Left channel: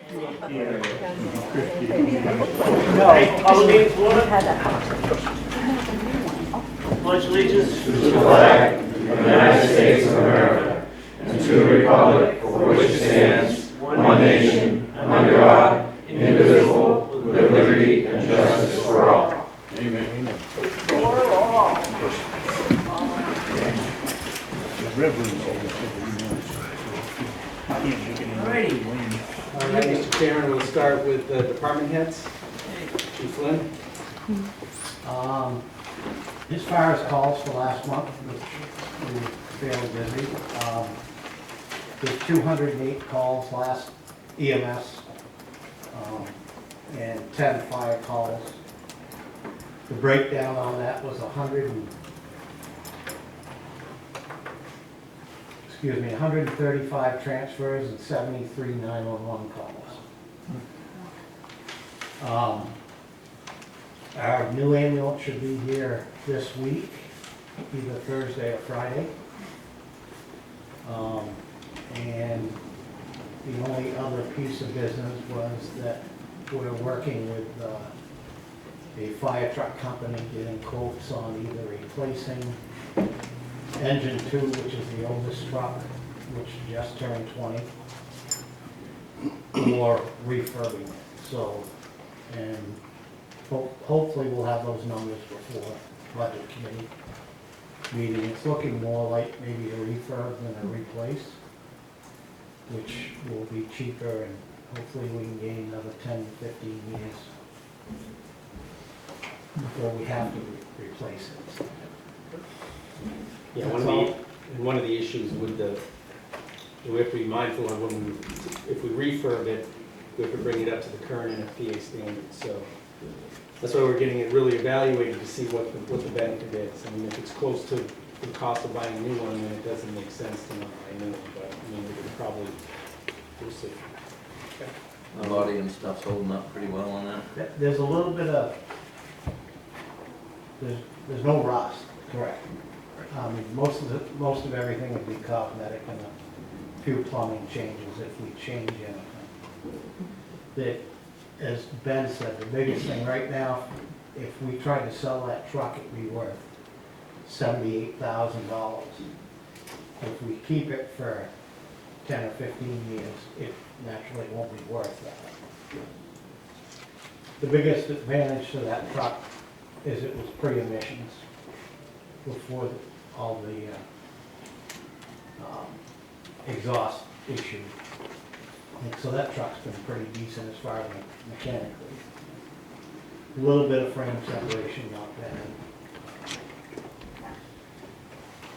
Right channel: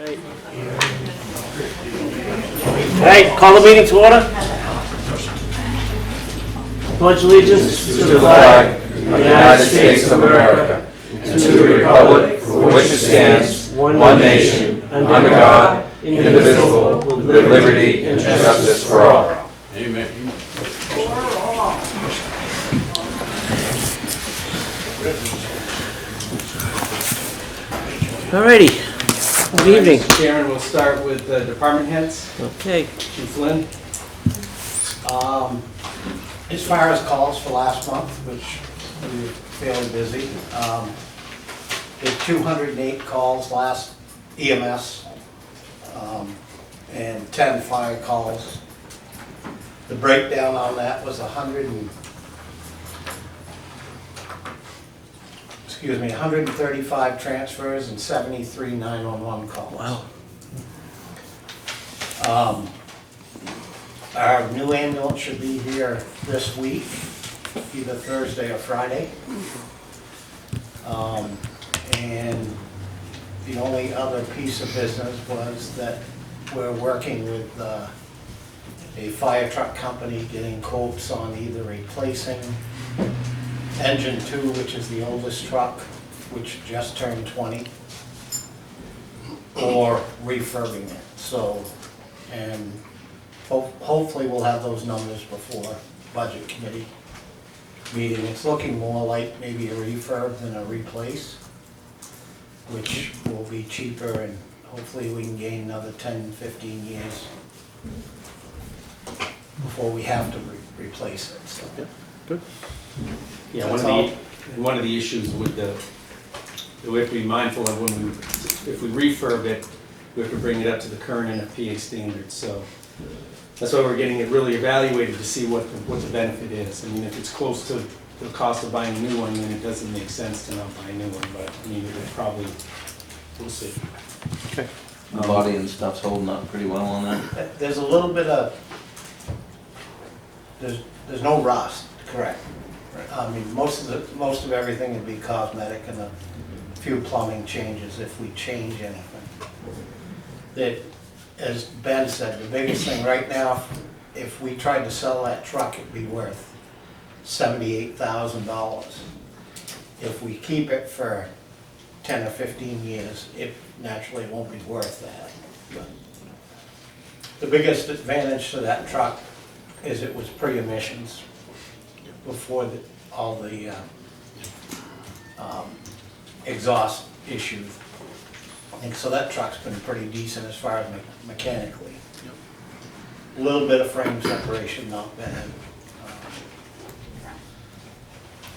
All right, call the meeting to order. Pledge allegiance to the flag of the United States of America and to the republic for which it stands, one nation, under God, indivisible, with liberty and justice for all. Amen. All righty. Good evening. Mr. Chairman, we'll start with the department heads. Okay. Chief Lynn. As far as calls for last month, which we were fairly busy, there's 208 calls last EMS, and 10 fire calls. The breakdown on that was 135 transfers and 73 911 calls. Wow. Our new ambulance should be here this week, either Thursday or Friday. And the only other piece of business was that we're working with a fire truck company, getting quotes on either replacing engine 2, which is the oldest truck, which just turned 20, or refurbing it. So, and hopefully we'll have those numbers before budget committee meeting. It's looking more like maybe a refurb than a replace, which will be cheaper, and hopefully we can gain another 10, 15 years before we have to replace it. So, Good. Yeah, That's one of the issues with that we have to be mindful of if we refurb it, we have to bring it up to the current NFPA standards. So that's why we're getting it really evaluated to see what the benefit is. I mean, if it's close to the cost of buying a new one, then it doesn't make sense to not buy a new one. But I mean, it's probably, we'll see. Okay. The body and stuff's holding up pretty well on that. there's a little bit of, there's no rust, correct? I mean, most of everything would be cosmetic and a few plumbing changes if we change anything. That, as Ben said, the biggest thing right now, if we tried to sell that truck, it'd be worth $78,000. If we keep it for 10 or 15 years, it naturally won't be worth that. The biggest advantage to that truck is it was pre-emissions before all the exhaust issues. And so that truck's been pretty decent as far as mechanically. A little bit of frame separation not been in.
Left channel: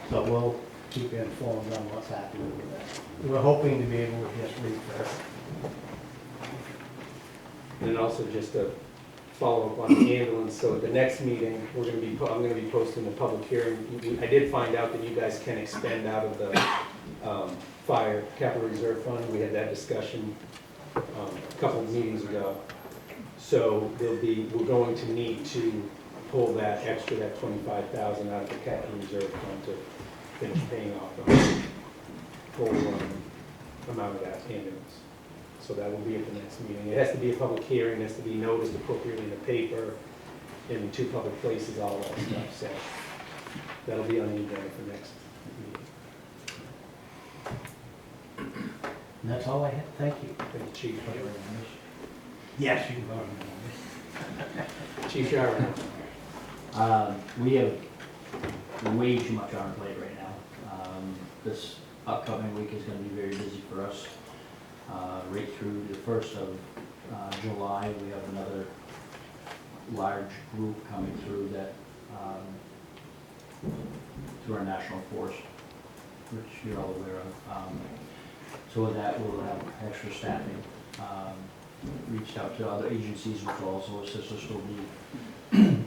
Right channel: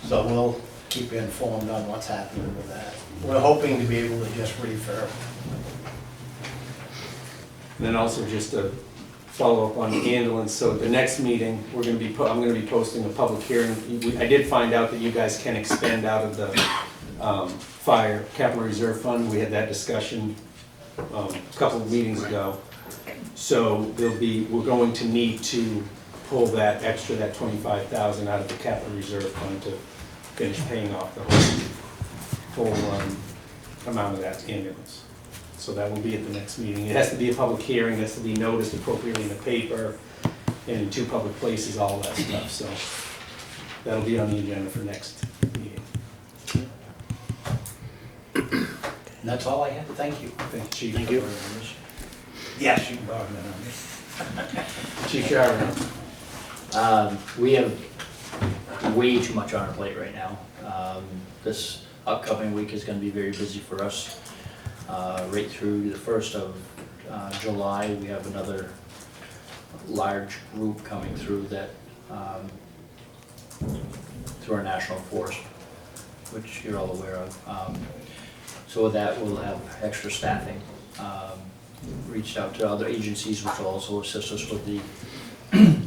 So we'll keep you informed on what's happening with that. We're hoping to be able to just refurb. And then also just a follow-up on the ambulance. So the next meeting, I'm going to be posting a public hearing. I did find out that you guys can expend out of the fire capital reserve fund. We had that discussion a couple of meetings ago. So we're going to need to pull that extra, that $25,000 out of the capital reserve fund to finish paying off the full amount of that ambulance. So that will be at the next meeting. It has to be a public hearing, it has to be noticed appropriately in the paper, and in 2 public places, all that stuff. So that'll be on the agenda for next meeting. And that's all I have. Thank you. Thank you, Chief. Thank you. Yes, you can borrow that on me. Chief Jarvis. We have way too much on our plate right now. This upcoming week is going to be very busy for us. Right through the 1st of July, we have another large group coming through that through our national force, which you're all aware of. So with that, we'll have extra staffing. Reached out to other agencies which will also assist us with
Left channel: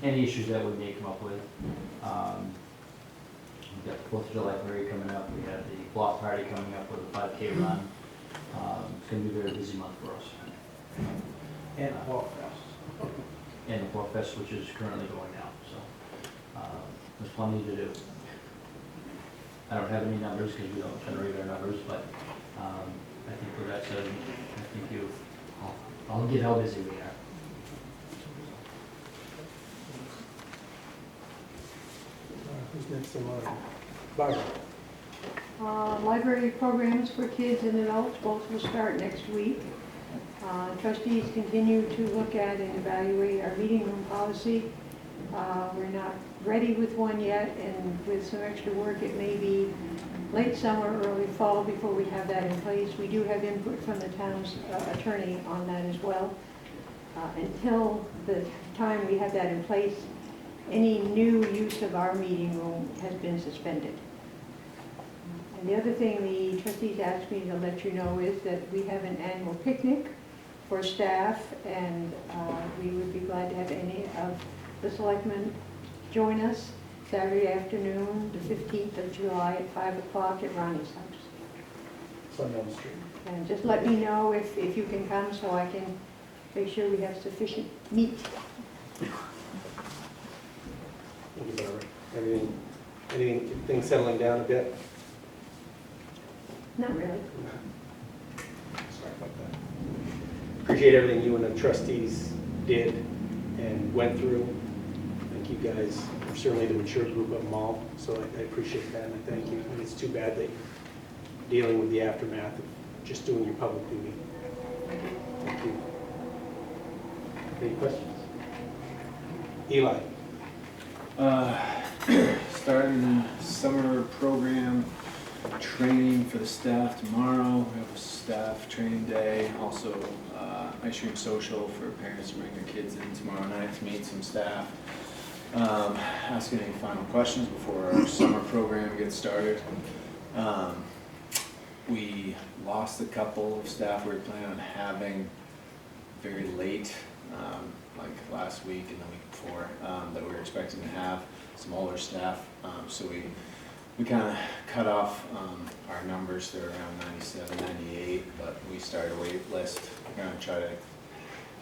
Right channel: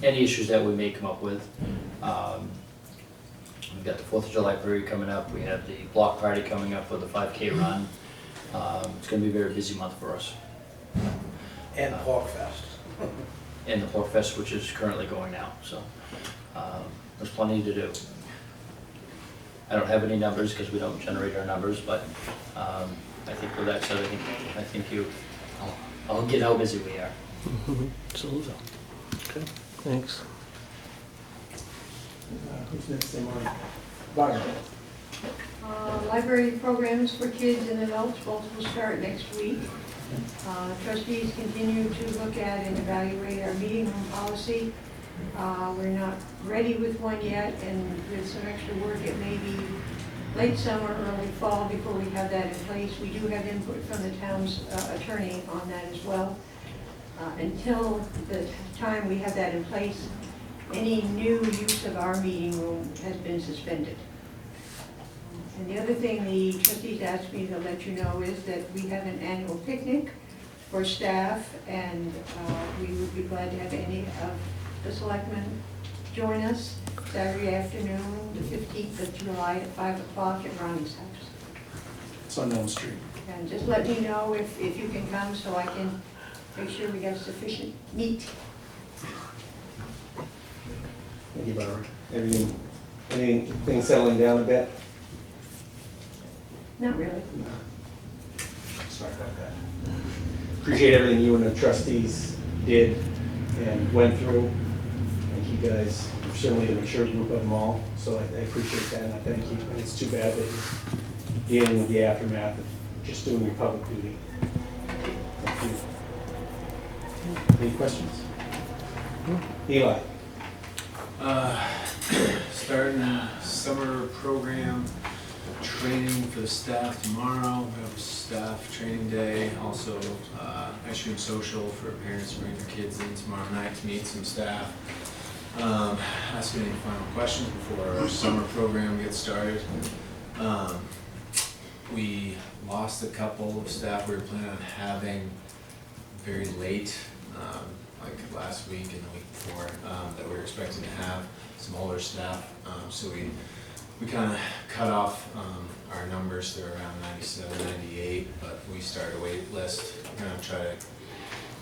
any issues that we may come up with. We've got the 4th of July parade coming up. We have the block party coming up with a 5K run. It's going to be a very busy month for us. And the Pork Fest. And the Pork Fest, which is currently going now. So there's plenty to do. I don't have any numbers because we don't generate our numbers, but I think with that said, I think you I'll get how busy we are. Absolutely. Okay, thanks. Who's next in line? Barbara. Library programs for kids and adults, both will start next week. Trustees continue to look at and evaluate our meeting room policy. We're not ready with one yet, and with some extra work, it may be late summer, early fall before we have that in place. We do have input from the town's attorney on that as well. Until the time we have that in place, any new use of our meeting room has been suspended. And the other thing the trustees asked me to let you know is that we have an annual picnic for staff, and we would be glad to have any of the selectmen join us Saturday afternoon, the 15th of July at 5 o'clock at Ronnie's house. It's on Elm Street. And just let me know if you can come so I can make sure we have sufficient meat. Thank you, Barbara. Anything settling down a bit? Not really. Sorry about that. Appreciate everything you and the trustees did and went through. And you guys are certainly the mature group of them all, so I appreciate that, and I thank you. And it's too bad that you're dealing with the aftermath of just doing your public duty. Thank you. Any questions? Eli? Starting summer program training for the staff tomorrow. We have a staff training day. Also, ice cream social for parents to bring their kids in tomorrow night to meet some staff. Ask me any final questions before our summer program gets started. We lost a couple of staff we were planning on having very late, like last week and the week before, that we were expecting to have some older staff. So we kind of cut off our numbers to around 97, 98, but we started a wait list. We're going to try to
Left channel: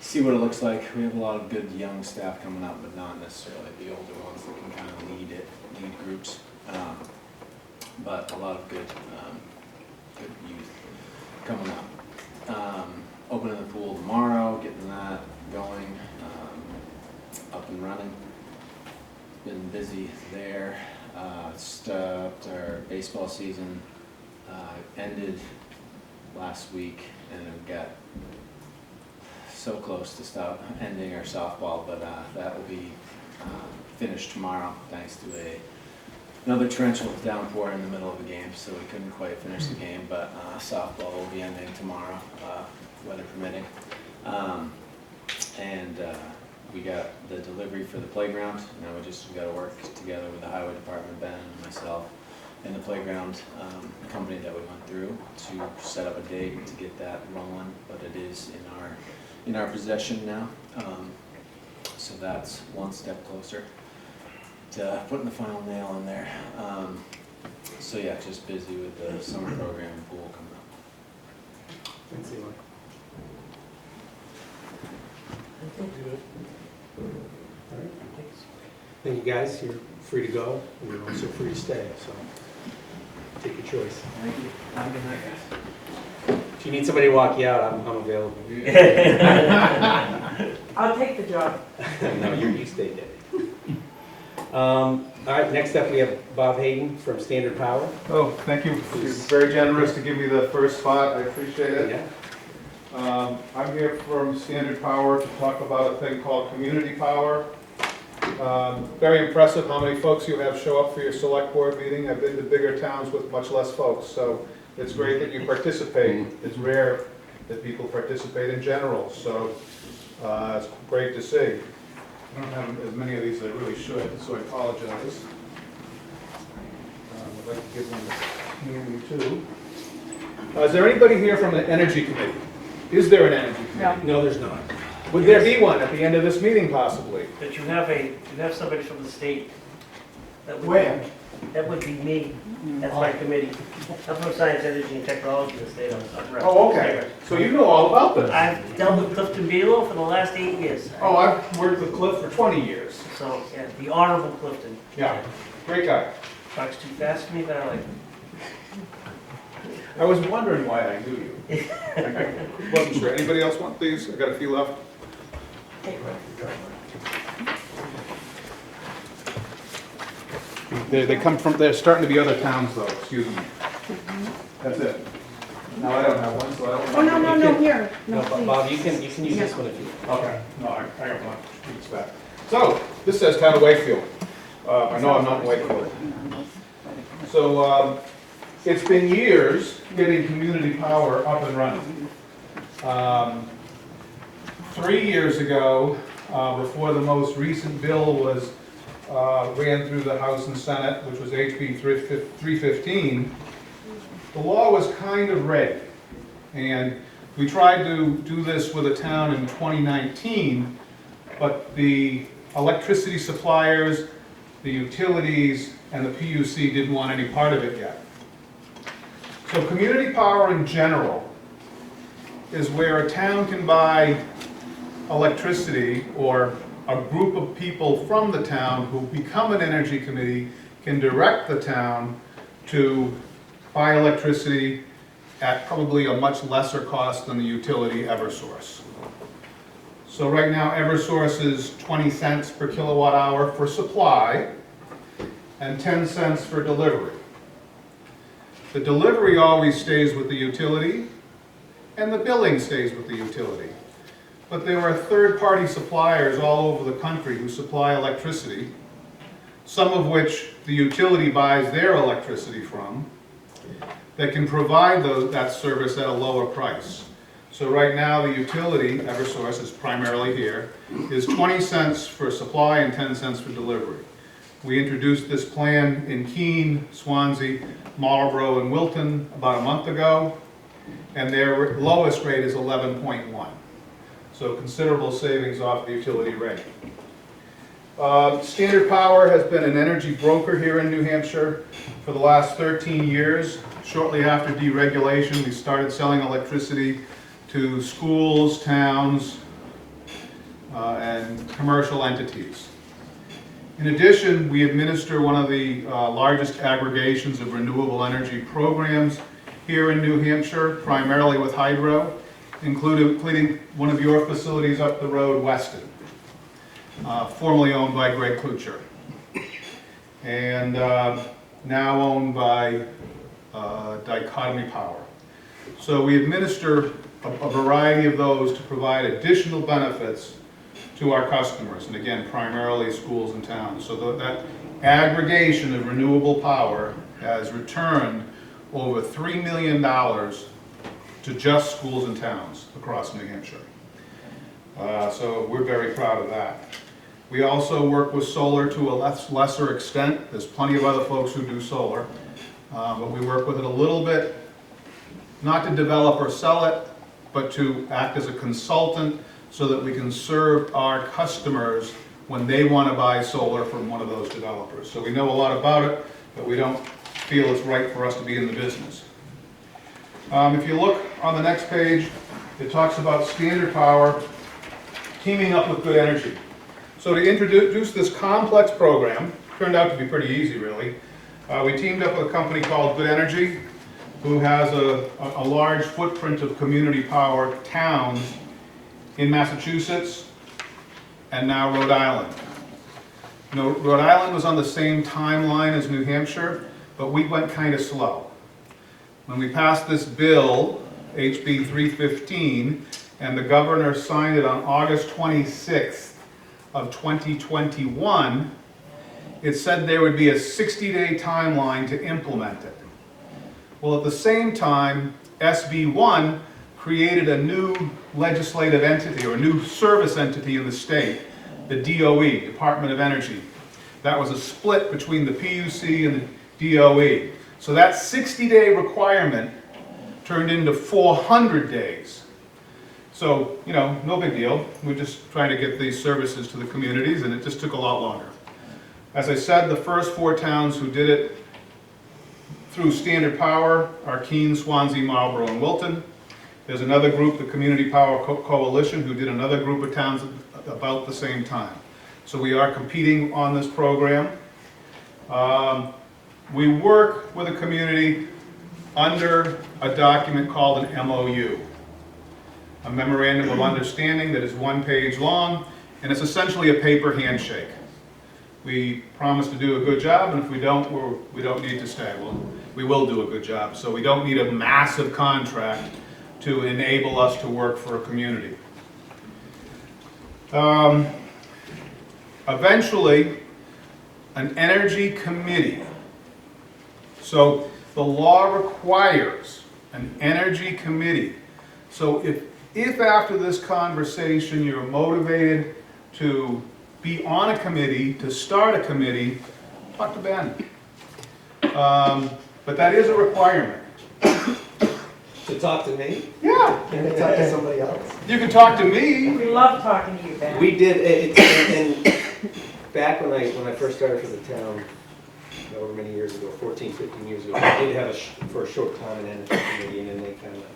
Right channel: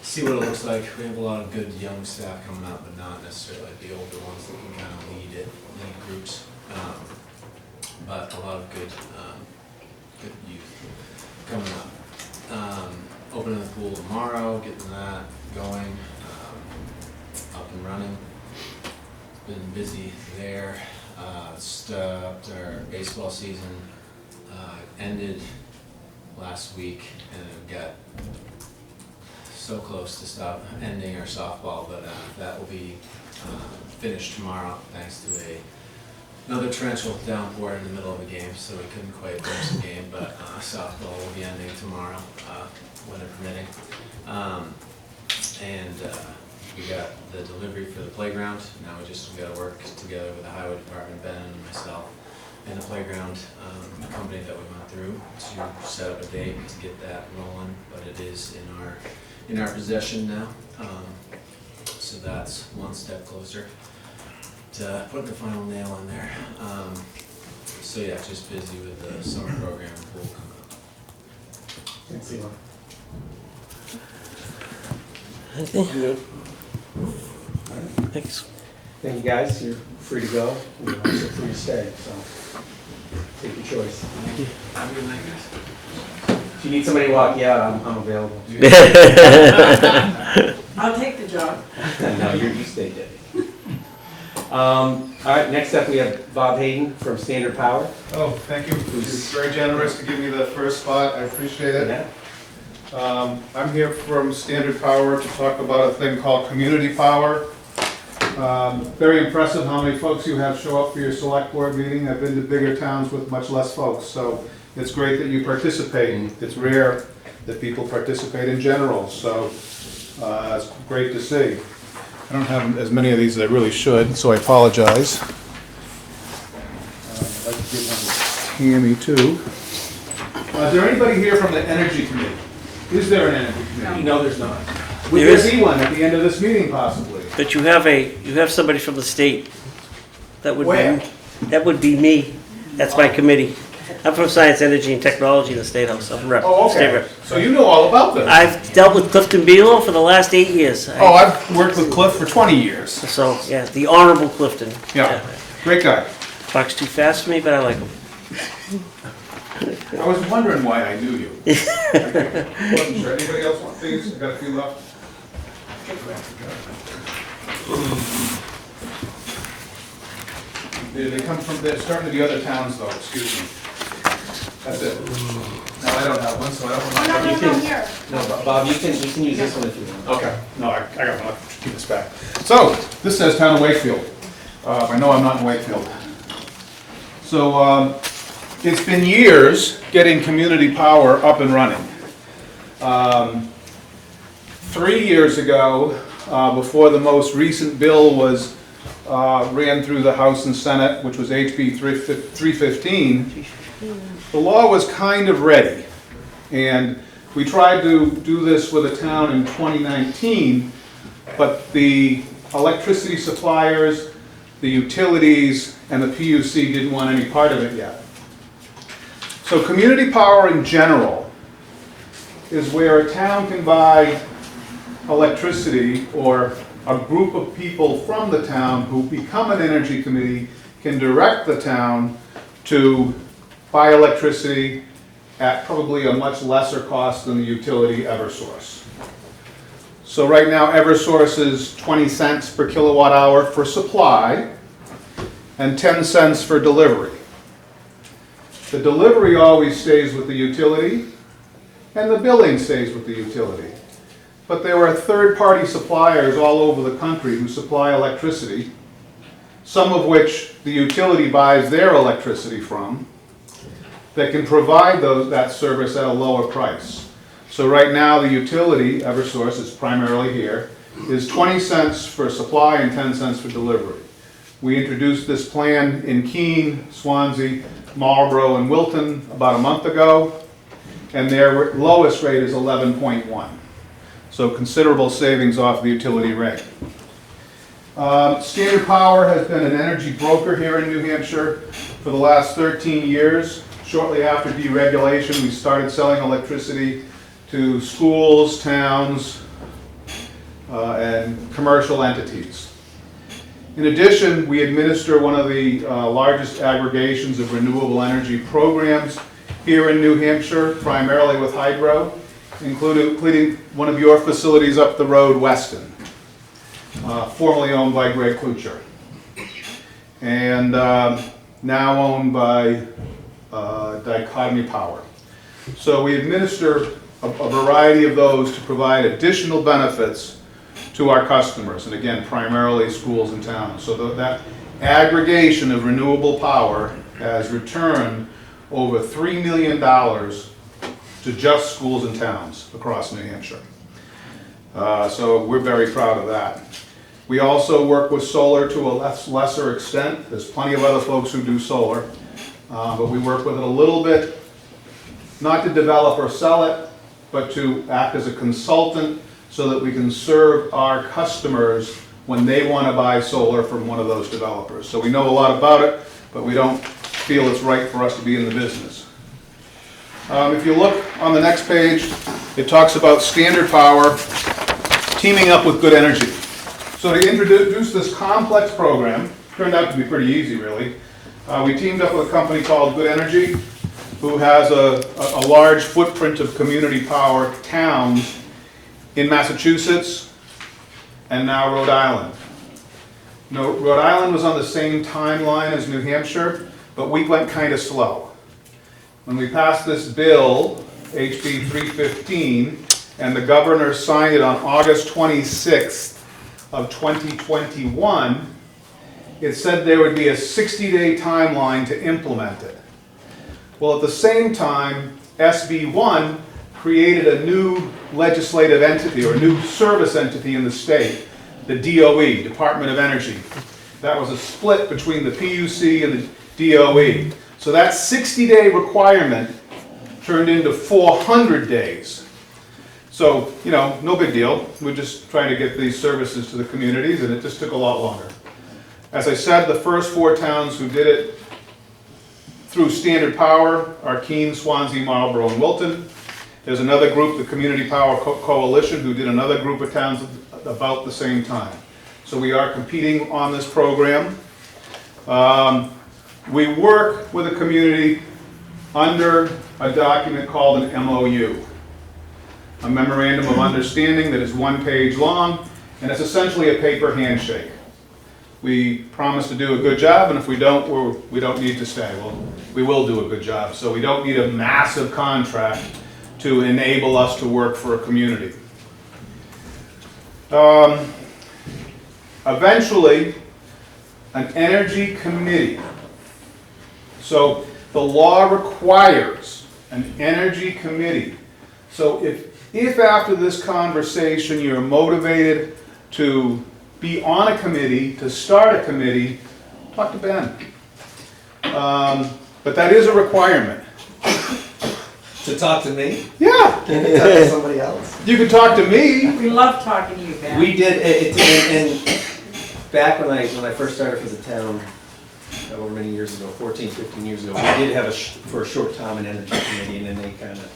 see what it looks like. We have a lot of good young staff coming up, but not necessarily the older ones that can kind of lead groups. But a lot of good youth coming up. Opening the pool tomorrow, getting that going, up and running. Been busy there. Stopped our baseball season, ended last week, and it got so close to stop ending our softball, but that will be finished tomorrow thanks to another torrential downpour in the middle of the game, so we couldn't quite finish the game, but softball will be ending tomorrow, weather permitting. We got the delivery for the playground. Now we got to work together with the highway department, Ben and myself, and the playground company that we went through to set up a date to get that rolling. But it is in our possession now, so that's one step closer to putting the final nail in there. So yeah, just busy with the summer program and pool coming up. Thanks, Eli. Anything? Thanks. Thank you, guys. You're free to go. You're also free to stay, so take your choice. Thank you. Have a good night, guys. If you need somebody to walk you out, I'm available. I'll take the job. No, you stay, Debbie. All right, next up we have Bob Hayden from Standard Power. Oh, thank you. You're very generous to give me the first spot. I appreciate it. Yeah. I'm here from Standard Power to talk about a thing called Community Power. Very impressive how many folks you have show up for your select board meeting. I've been to bigger towns with much less folks, so it's great that you participate. It's rare that people participate in general, so it's great to see. I don't have as many of these as I really should, so I apologize. I'd like to give one to Tammy too. Is there anybody here from the Energy Committee? Is there an Energy Committee? No, there's not. Would There there is. be one at the end of this meeting possibly? But you have somebody from the state. That would Where? That would be me. That's my committee. I'm from Science, Energy, and Technology in the State House. I'm rep. Oh, State okay. rep. So you know all about this? I've dealt with Clifton Below for the last 8 years. Oh, I've worked with Cliff for 20 years. So, yeah, the Honorable Clifton. Yeah, great guy. Talks too fast for me, but I like him. I was wondering why I knew you. I wasn't sure. Anybody else want these? Got a few left? They come from, they're starting to be other towns though, excuse me. That's it. Now, I don't have one, so I don't want to. Oh, no, here. No, Bob, you can use this one if you want. Okay, no, I got one, keep this back. So, this says Town of Wakefield. I know I'm not in Wakefield. So, it's been years getting community power up and running. 3 years ago, before the most recent bill was, ran through the House and Senate, which was HB 315, the law was kind of ready. And we tried to do this with a town in 2019, but the electricity suppliers, the utilities, and the PUC didn't want any part of it yet. So community power in general is where a town can buy electricity, or a group of people from the town who become an energy committee can direct the town to buy electricity at probably a much lesser cost than the utility Eversource. So right now Eversource is 20 cents per kilowatt hour for supply and 10 cents for delivery. The delivery always stays with the utility and the billing stays with the utility. But there are third-party suppliers all over the country who supply electricity, some of which the utility buys their electricity from, that can provide that service at a lower price. So right now, the utility, Eversource is primarily here, is 20 cents for supply and 10 cents for delivery. We introduced this plan in Keene, Swansea, Marlborough, and Wilton about a month ago, and their lowest rate is 11.1. So considerable savings off the utility rate. Standard Power has been an energy broker here in New Hampshire for the last 13 years. Shortly after deregulation, we started selling electricity to schools, towns, and commercial entities. In addition, we administer one of the largest aggregations of renewable energy programs here in New Hampshire, primarily with hydro, including one of your facilities up the road, Weston, formerly owned by Greg Kuchar, and now owned by Dichotomy Power. So we administer a variety of those to provide additional benefits to our customers, and again, primarily schools and towns. So that aggregation of renewable power has returned over $3 million to just schools and towns across New Hampshire. So we're very proud of that. We also work with solar to a lesser extent. There's plenty of other folks who do solar, but we work with it a little bit, not to develop or sell it, but to act as a consultant so that we can serve our customers when they want to buy solar from one of those developers. So we know a lot about it, but we don't feel it's right for us to be in the business. If you look on the next page, it talks about Standard Power teaming up with Good Energy. So to introduce this complex program, turned out to be pretty easy really, we teamed up with a company called Good Energy, who has a large footprint of community power towns in Massachusetts and now Rhode Island. No, Rhode Island was on the same timeline as New Hampshire, but we went kind of slow. When we passed this bill, HB 315, and the governor signed it on August 26th of 2021, it said there would be a 60-day timeline to implement it. Well, at the same time, SB 1 created a new legislative entity, or a new service entity in the state, the DOE, Department of Energy. That was a split between the PUC and the DOE. So that 60-day requirement turned into 400 days. So, you know, no big deal. We're just trying to get these services to the communities, and it just took a lot longer. As I said, the first 4 towns who did it through Standard Power are Keene, Swansea, Marlborough, and Wilton. There's another group, the Community Power Coalition, who did another group of towns about the same time. So we are competing on this program. We work with the community under a document called an MOU, a Memorandum of Understanding that is 1 page long, and it's essentially a paper handshake. We promise to do a good job, and if we don't, we don't need to stay. Well, we will do a good job, so we don't need a massive contract to enable us to work for a community. Eventually, an energy committee. So the law requires an energy committee. So if after this conversation you're motivated to be on a committee, to start a committee, talk to Ben. But that is a requirement. To talk to me? Yeah, Can you talk to somebody else? you can talk to me. We love talking to you, Ben. We did, and back when I first started for the town, however many years ago, 14, 15 years ago, we did have for a short time an energy committee, and then they kind of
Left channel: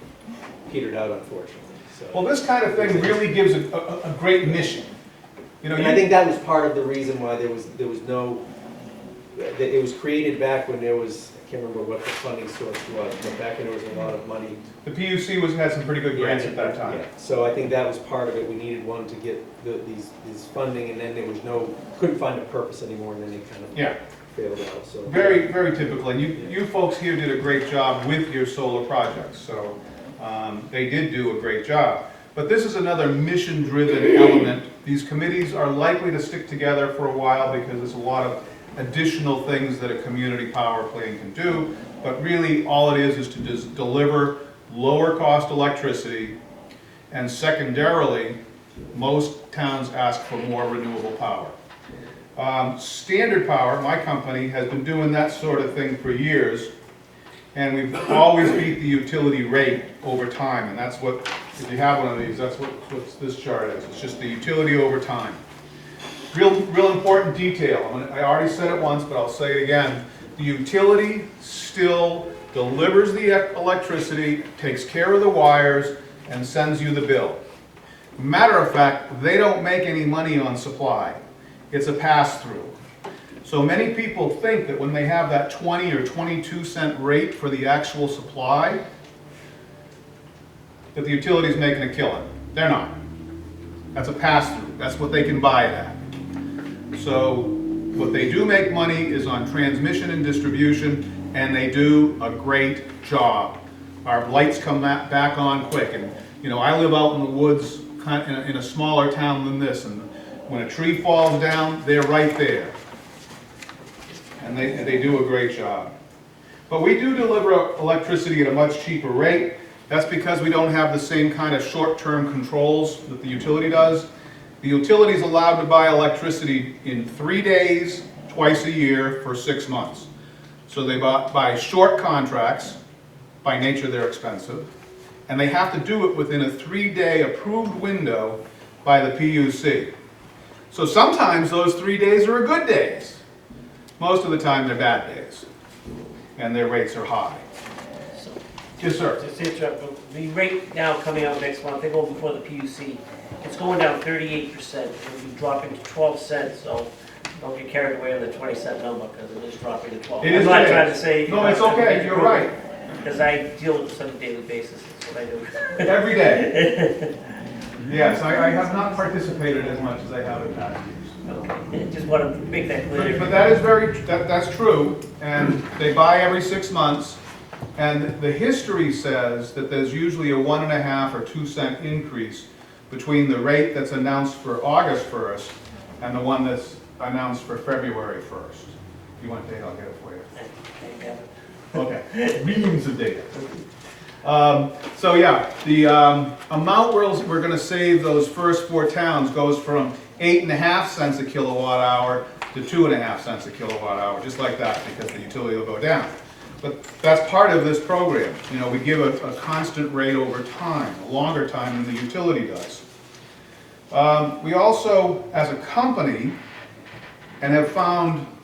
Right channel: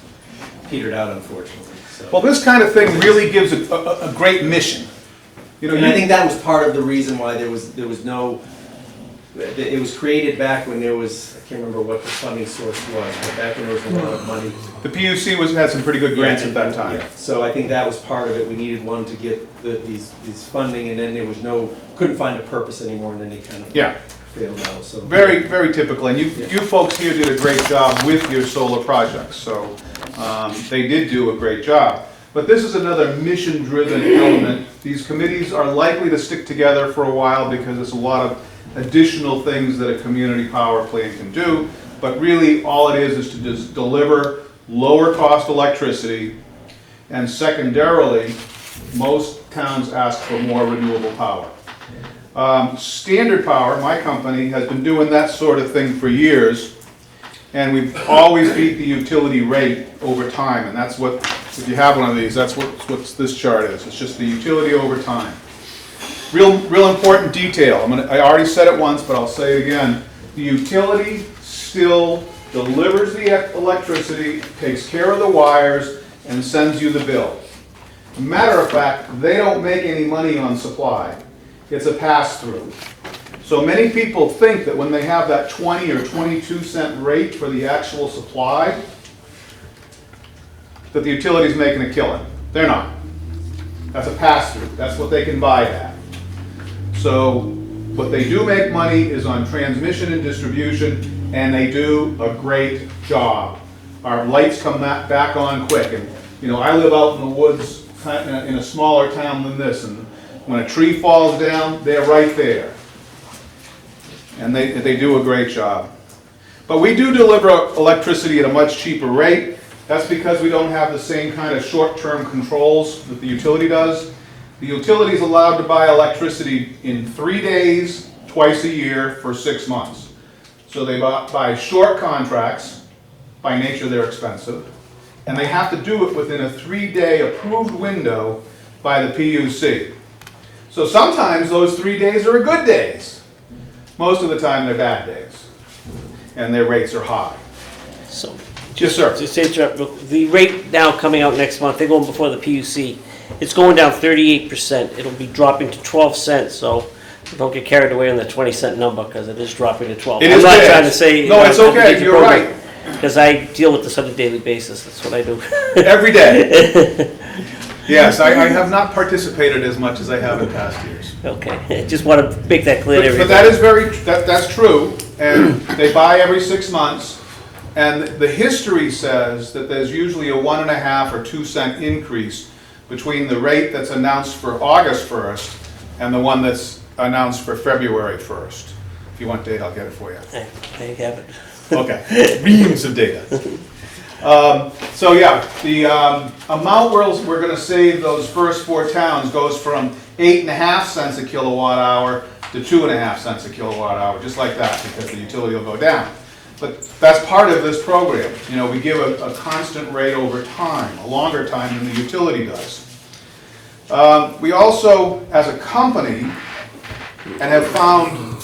petered out, unfortunately, so. Well, this kind of thing really gives a great mission. You know, And I think that was part of the reason why there was no, it was created back when there was, I can't remember what the funding source was, but back when there was a lot of money. the PUC had some pretty good grants at that time. Yeah, so I think that was part of it. We needed one to get these funding, and then there was couldn't find a purpose anymore, and then they kind of Yeah. failed out, so. Very, very typical, and you folks here did a great job with your solar projects, so they did do a great job. But this is another mission-driven element. These committees are likely to stick together for a while because there's a lot of additional things that a community power plant can do, but really all it is to just deliver lower-cost electricity, and secondarily, most towns ask for more renewable power. Standard Power, my company, has been doing that sort of thing for years, and we've always beat the utility rate over time, and that's what, if you have one of these, that's what this chart is. It's just the utility over time. Real important detail. I already said it once, but I'll say it again. The utility still delivers the electricity, takes care of the wires, and sends you the bill. Matter of fact, they don't make any money on supply. It's a pass-through. So many people think that when they have that 20 or 22 cent rate for the actual supply, that the utility's making a killing. They're not. That's a pass-through. That's what they can buy it at. So what they do make money is on transmission and distribution, and they do a great job. Our lights come back on quick. And you know, I live out in the woods in a smaller town than this, and when a tree falls down, they're right there. And they do a great job. But we do deliver electricity at a much cheaper rate. That's because we don't have the same kind of short-term controls that the utility does. The utility is allowed to buy electricity in 3 days, twice a year, for 6 months. So they buy short contracts. By nature, they're expensive. And they have to do it within a 3-day approved window by the PUC. So sometimes those 3 days are good days. Most of the time, they're bad days. And their rates are high. So, Yes, sir. to say the rate now coming out next month, they're going before the PUC. It's going down 38%. It'll be dropping to 12 cents, so don't get carried away on the 20-cent number, because it is dropping to 12. It is I'm not bad. trying to say... No, it's okay, you're right. Because I deal with this on a daily basis, that's what I do. Every day. Yes, I have not participated as much as I have in past years. Okay, just want to make that clear to But everybody. that's true, and they buy every 6 months, and the history says that there's usually a 1.5 or 2 cent increase between the rate that's announced for August 1st and the one that's announced for February 1st. If you want data, I'll get it for you. There you have it. Okay, reams of data. So yeah, the amount we're going to save those first 4 towns goes from 8.5 cents a kilowatt hour to 2.5 cents a kilowatt hour, just like that, because the utility will go down. But that's part of this program. You know, we give a constant rate over time, a longer time than the utility does. We also, as a company, and have found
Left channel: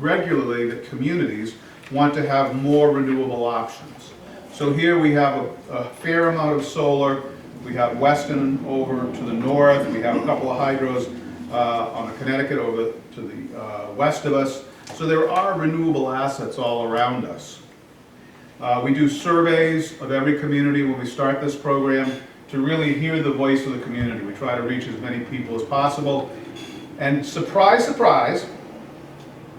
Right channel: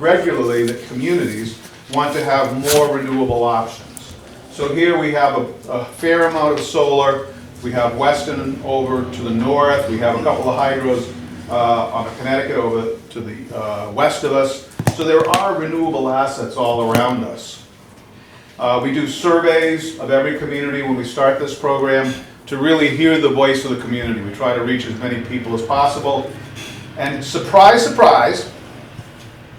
regularly that communities want to have more renewable options. So here we have a fair amount of solar. We have Weston over to the north. We have a couple of hydros on the Connecticut over to the west of us. So there are renewable assets all around us. We do surveys of every community when we start this program to really hear the voice of the community. We try to reach as many people as possible. And surprise, surprise,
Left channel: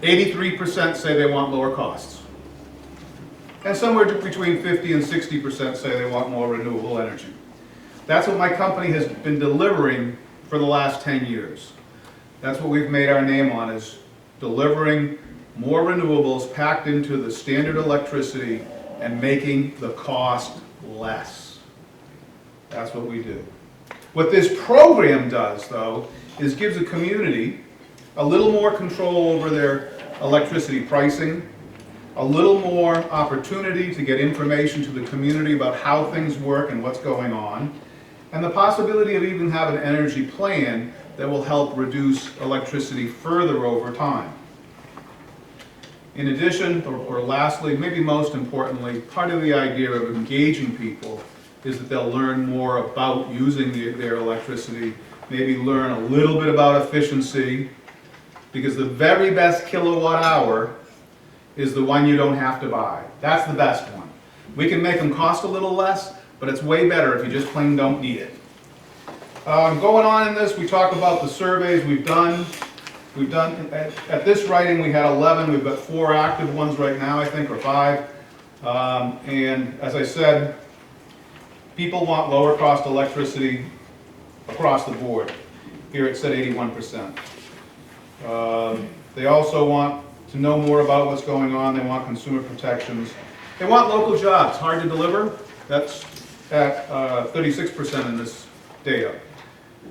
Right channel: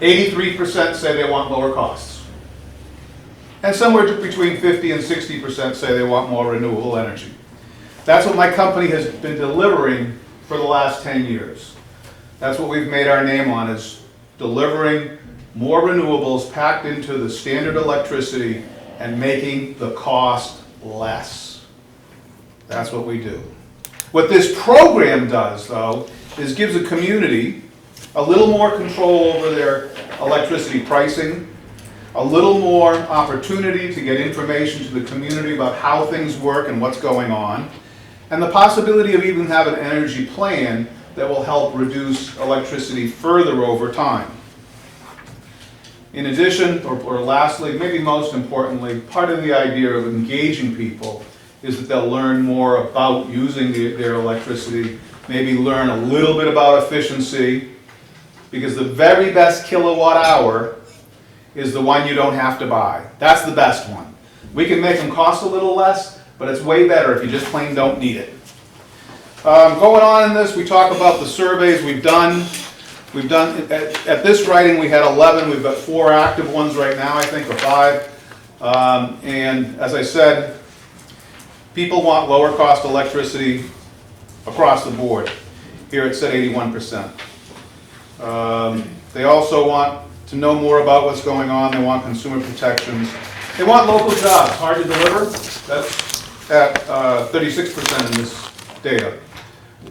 83% say they want lower costs. And somewhere between 50 and 60% say they want more renewable energy. That's what my company has been delivering for the last 10 years. That's what we've made our name on, is delivering more renewables packed into the standard electricity and making the cost less. That's what we do. What this program does, though, is gives a community a little more control over their electricity pricing, a little more opportunity to get information to the community about how things work and what's going on, and the possibility of even having an energy plan that will help reduce electricity further over time. In addition, or lastly, maybe most importantly, part of the idea of engaging people is that they'll learn more about using their electricity, maybe learn a little bit about efficiency, because the very best kilowatt hour is the one you don't have to buy. That's the best one. We can make them cost a little less, but it's way better if you just plain don't need it. Going on in this, we talk about the surveys we've done. At this writing, we had 11. We've got 4 active ones right now, I think, or 5. And as I said, people want lower cost electricity across the board. Here it said 81%. They also want to know more about what's going on. They want consumer protections. They want local jobs. Hard to deliver. That's at 36% in this data.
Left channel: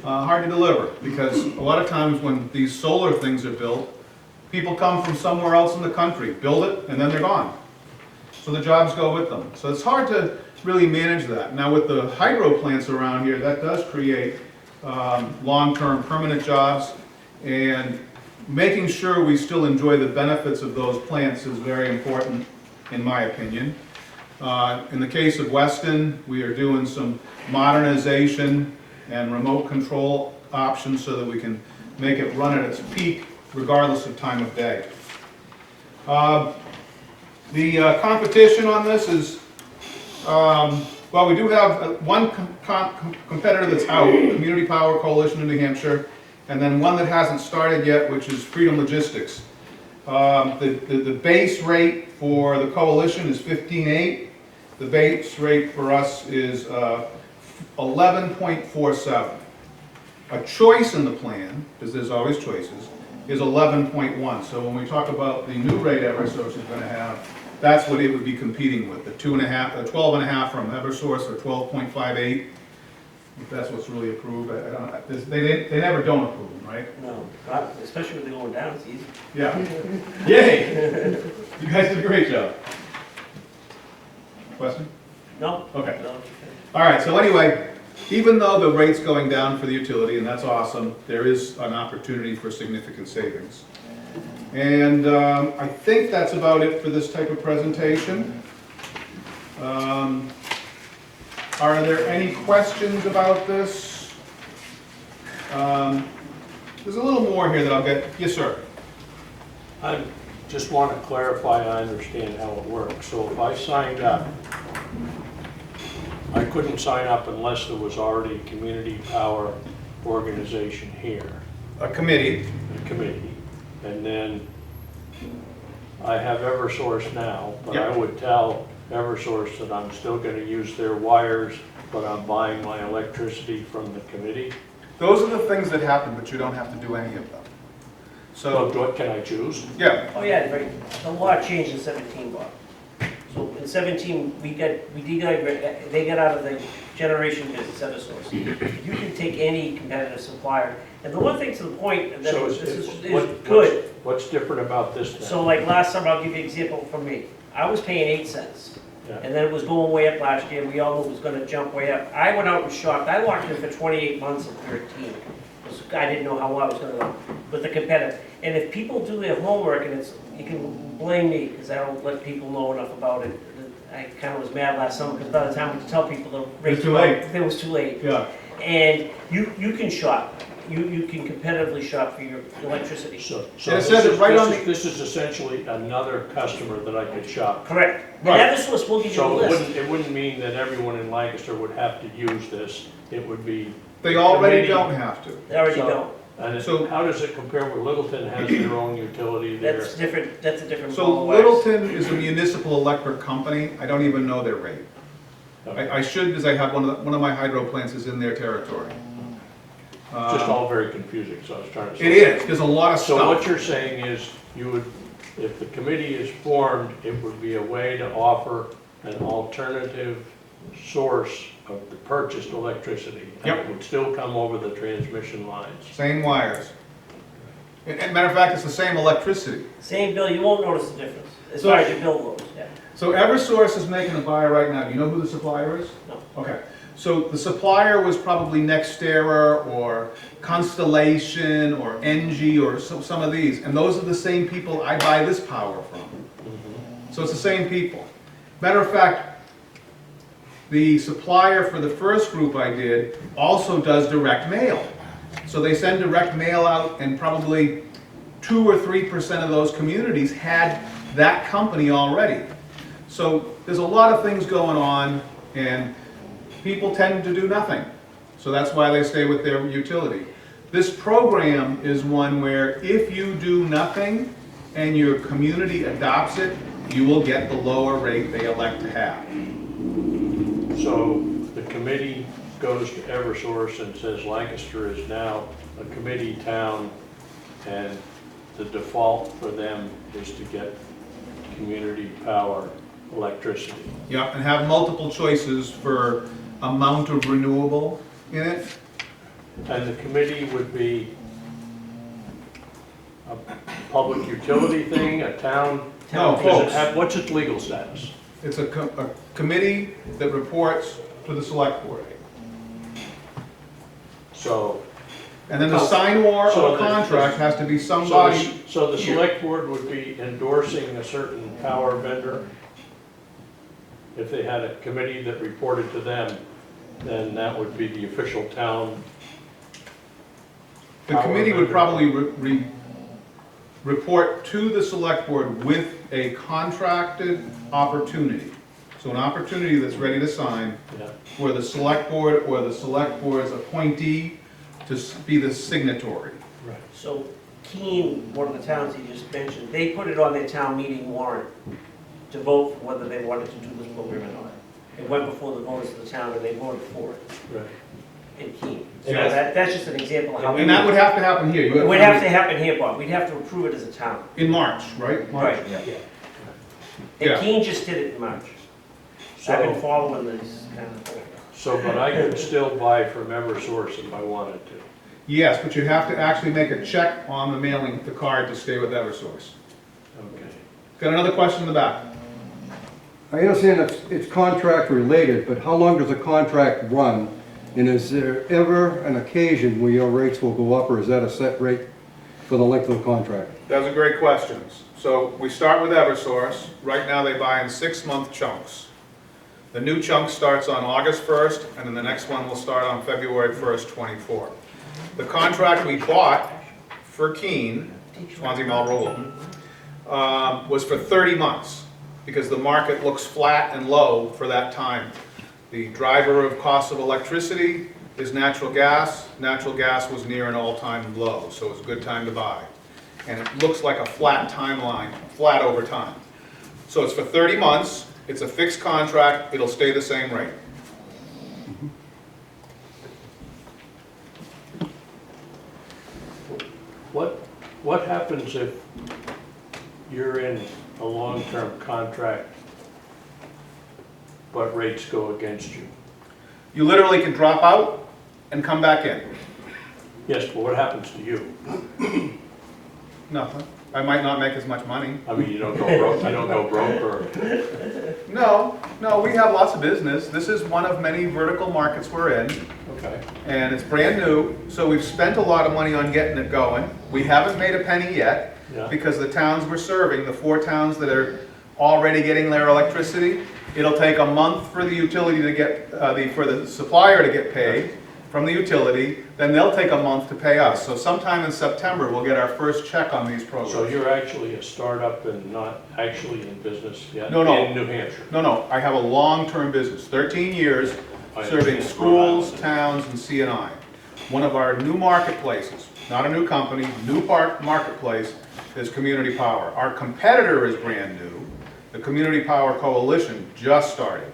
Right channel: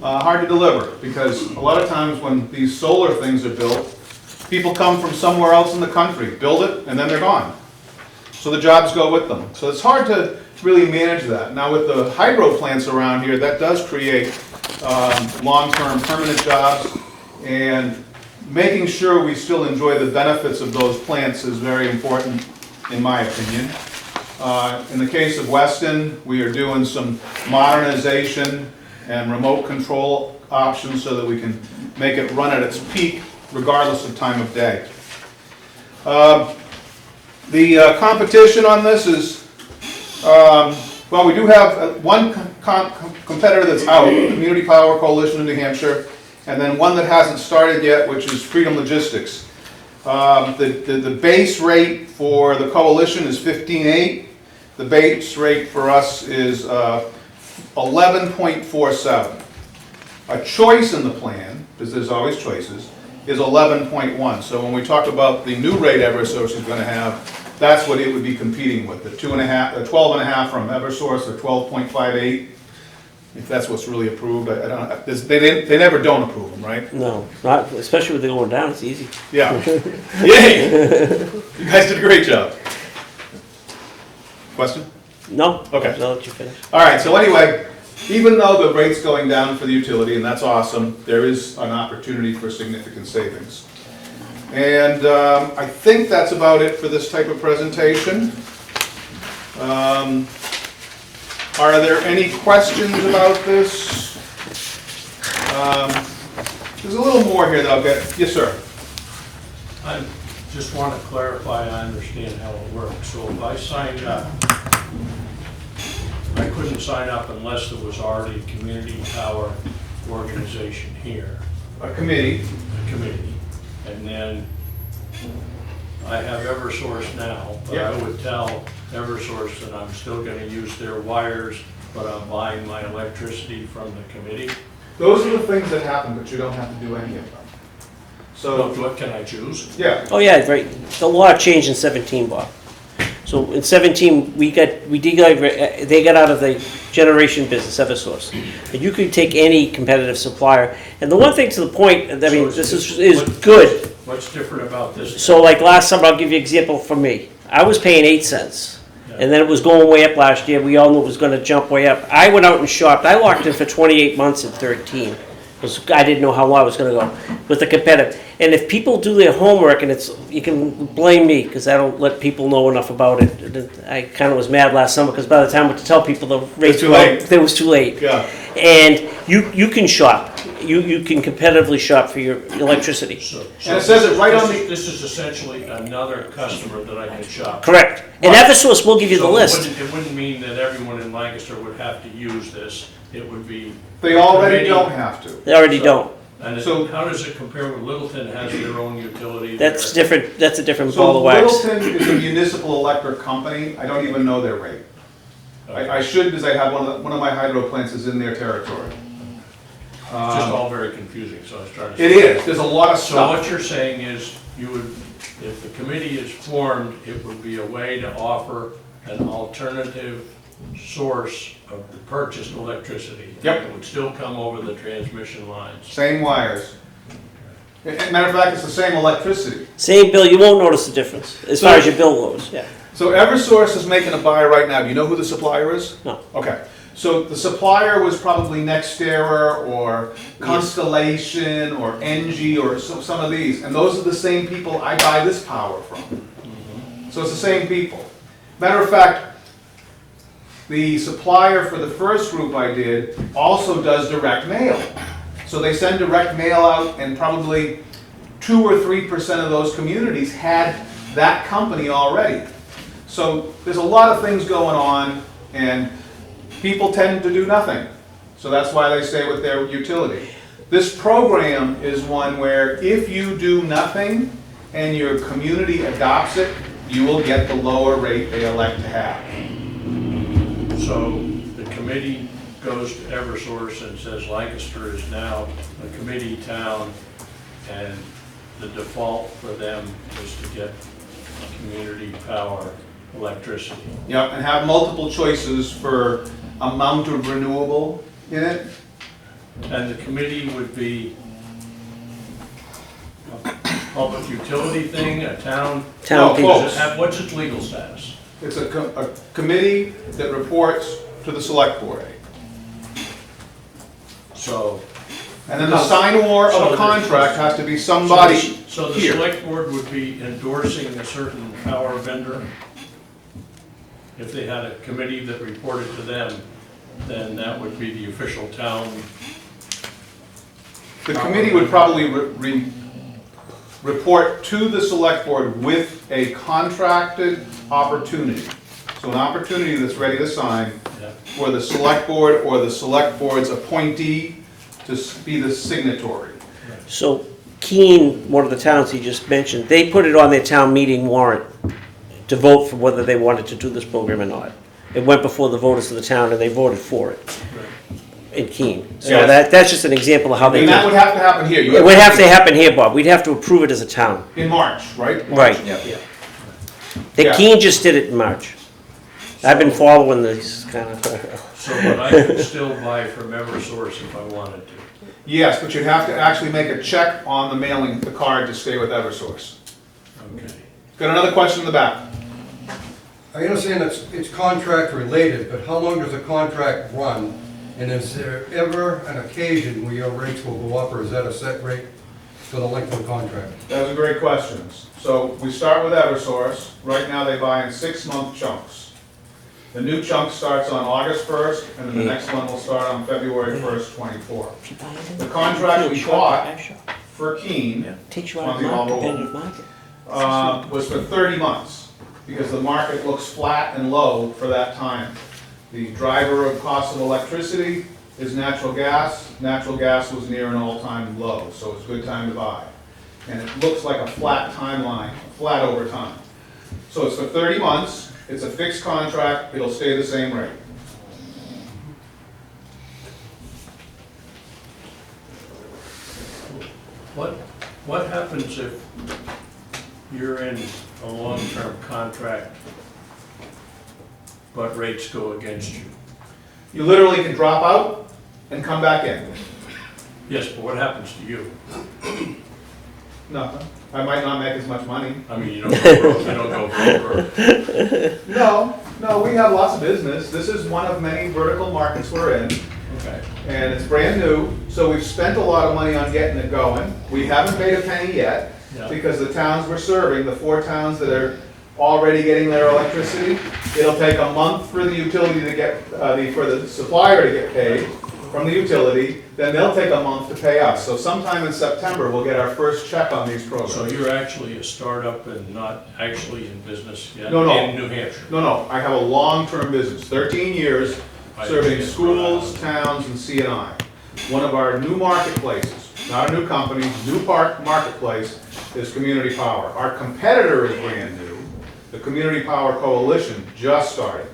Hard to deliver, because a lot of times when these solar things are built, people come from somewhere else in the country, build it, and then they're gone. So the jobs go with them. So it's hard to really manage that. Now with the hydro plants around here, that does create long-term permanent jobs, and making sure we still enjoy the benefits of those plants is very important, in my opinion. In the case of Weston, we are doing some modernization and remote control options so that we can make it run at its peak regardless of time of day. The competition on this is, well, we do have one competitor that's out, Community Power Coalition in New Hampshire, and then one that hasn't started yet, which is Freedom Logistics. The base rate for the coalition is 15.8. The base rate for us is 11.47. A choice in the plan, because there's always choices, is 11.1. So when we talk about the new rate Eversource is going to have, that's what it would be competing with. The 12.5 from Eversource, or 12.58. If that's what's really approved, I don't. They never don't approve them, right? No, not, especially with the going down, it's easy. Yeah. Yay! You guys did a great job. Question? No? Okay. I'll let you finish. All right, so anyway, even though the rate's going down for the utility, and that's awesome, there is an opportunity for significant savings. And I think that's about it for this type of presentation. Are there any questions about this? There's a little more here that I'll get. Yes, sir. I just want to clarify, I understand how it works. So if I signed up, I couldn't sign up unless there was already a community power organization here, A committee. a committee. And then I have Eversource now, but I would tell Eversource that I'm still going to use their wires, but I'm buying my electricity from the committee. Those are the things that happen, but you don't have to do any of them. So So, what can I choose? yeah. Oh, yeah, right. The law changed in 17, Bob. So in 17, they got out of the generation business, Eversource. And you could take any competitive supplier. And the one thing to the point, I mean, So this is good. What's different about this? So like last summer, I'll give you an example from me. I was paying 8 cents. Yeah. And then it was going way up last year. We all knew it was gonna jump way up. I went out and shopped. I locked in for 28 months at 13. I didn't know how long I was gonna go with the competitive. And if people do their homework, and you can blame me, because I don't let people know enough about it. I kind of was mad last summer, because by the time I went to tell people the rates too late. it was too late. Yeah. And you can shop. You can competitively shop for your electricity. So And it says it right on the- This is essentially another customer that I can shop. Correct. And Right. Eversource will give you the So list. it wouldn't mean that everyone in Lancaster would have to use this. It would be, They already don't have to. They already don't. and So- how does it compare with Littleton has their own utility? That's there? different. That's a different So ball of wax. Littleton is a municipal electric company, I don't even know their rate. I should, because I have one of my hydro plants is in their territory. It's just all very confusing, so I was trying to. It is, there's a lot of So what stuff. you're saying is, you would, if the committee is formed, it would be a way to offer an alternative source of the purchased electricity. Yep. And it would still come over the transmission lines. Same wires. And matter of fact, it's the same electricity. Same bill, you won't notice the difference as far as your bill goes. Yeah. So Eversource is making a buy right now, do you know who the supplier is? No. Okay, so the supplier was probably Nextera or Constellation or Engie or some of these, and those are the same people I buy this power from. So it's the same people. Matter of fact, the supplier for the first group I did also does direct mail. So they send direct mail out, and probably 2 or 3% of those communities had that company already. So there's a lot of things going on, and people tend to do nothing. So that's why they stay with their utility. This program is one where if you do nothing and your community adopts it, you will get the lower rate they elect to have. So the committee goes to Eversource and says Lancaster is now a committee town, and the default for them is to get community power electricity. Yeah, and have multiple choices for amount of renewable in it. And the committee would be a public utility thing, a town? Town No, piece. close. What's its legal status? It's a committee that reports to the select board. So. And then the signer of a contract has to be somebody So the here. select board would be endorsing a certain power vendor? If they had a committee that reported to them, then that would be the official town. The committee would probably report to the select board with a contracted opportunity. So an opportunity that's ready to sign Yeah. for the select board or the select board's appointee to be the signatory. So Keene, one of the towns he just mentioned, they put it on their town meeting warrant to vote for whether they wanted to do this program or not. It went before the voters of the town, and they voted for it in Keene. So Yes. that's just an example of how they And do that it. would have to happen here. You It would have to happen here, Bob. We'd have to approve it as a town. In March, right? Right. Yeah. The Yeah. Keene just did it in March. I've been following this kind of. So, but I could still buy from Eversource if I wanted to. Yes, but you'd have to actually make a check on the mailing, the card to stay with Eversource. Okay. Got another question in the back? I understand it's contract related, but how long does a contract run? And is there ever an occasion where your rates will go up, or is that a set rate for the length of the contract? Those are great questions. So we start with Eversource. Right now they buy in 6-month chunks. The new chunk starts on August 1st, and then the next one will start on February 1st, 24. The contract we bought for Keene was for 30 months, because the market looks flat and low for that time. The driver of cost of electricity is natural gas. Natural gas was near an all-time low, so it's a good time to buy. And it looks like a flat timeline, flat over time. So it's for 30 months, it's a fixed contract, it'll stay the same rate. What happens if you're in a long-term contract, but rates go against you? You literally can drop out and come back in. Yes, but what happens to you? Nothing. I might not make as much money. I mean, you don't go broke, you don't go broke, or, No, we have lots of business. This is one of many vertical markets we're in. Okay. and it's brand new, so we've spent a lot of money on getting it going. We haven't made a penny yet, Yeah. because the towns we're serving, the 4 towns that are already getting their electricity, it'll take a month for the utility to get, for the supplier to get paid from the utility, then they'll take a month to pay us. So sometime in September, we'll get our first check on these programs. So you're actually a startup and not actually in business yet? No, no. In New Hampshire? No, I have a long-term business, 13 years, I serving understand. schools, towns, and CNI. One of our new marketplaces, not a new company, new marketplace is Community Power. Our competitor is brand new. The Community Power Coalition just started.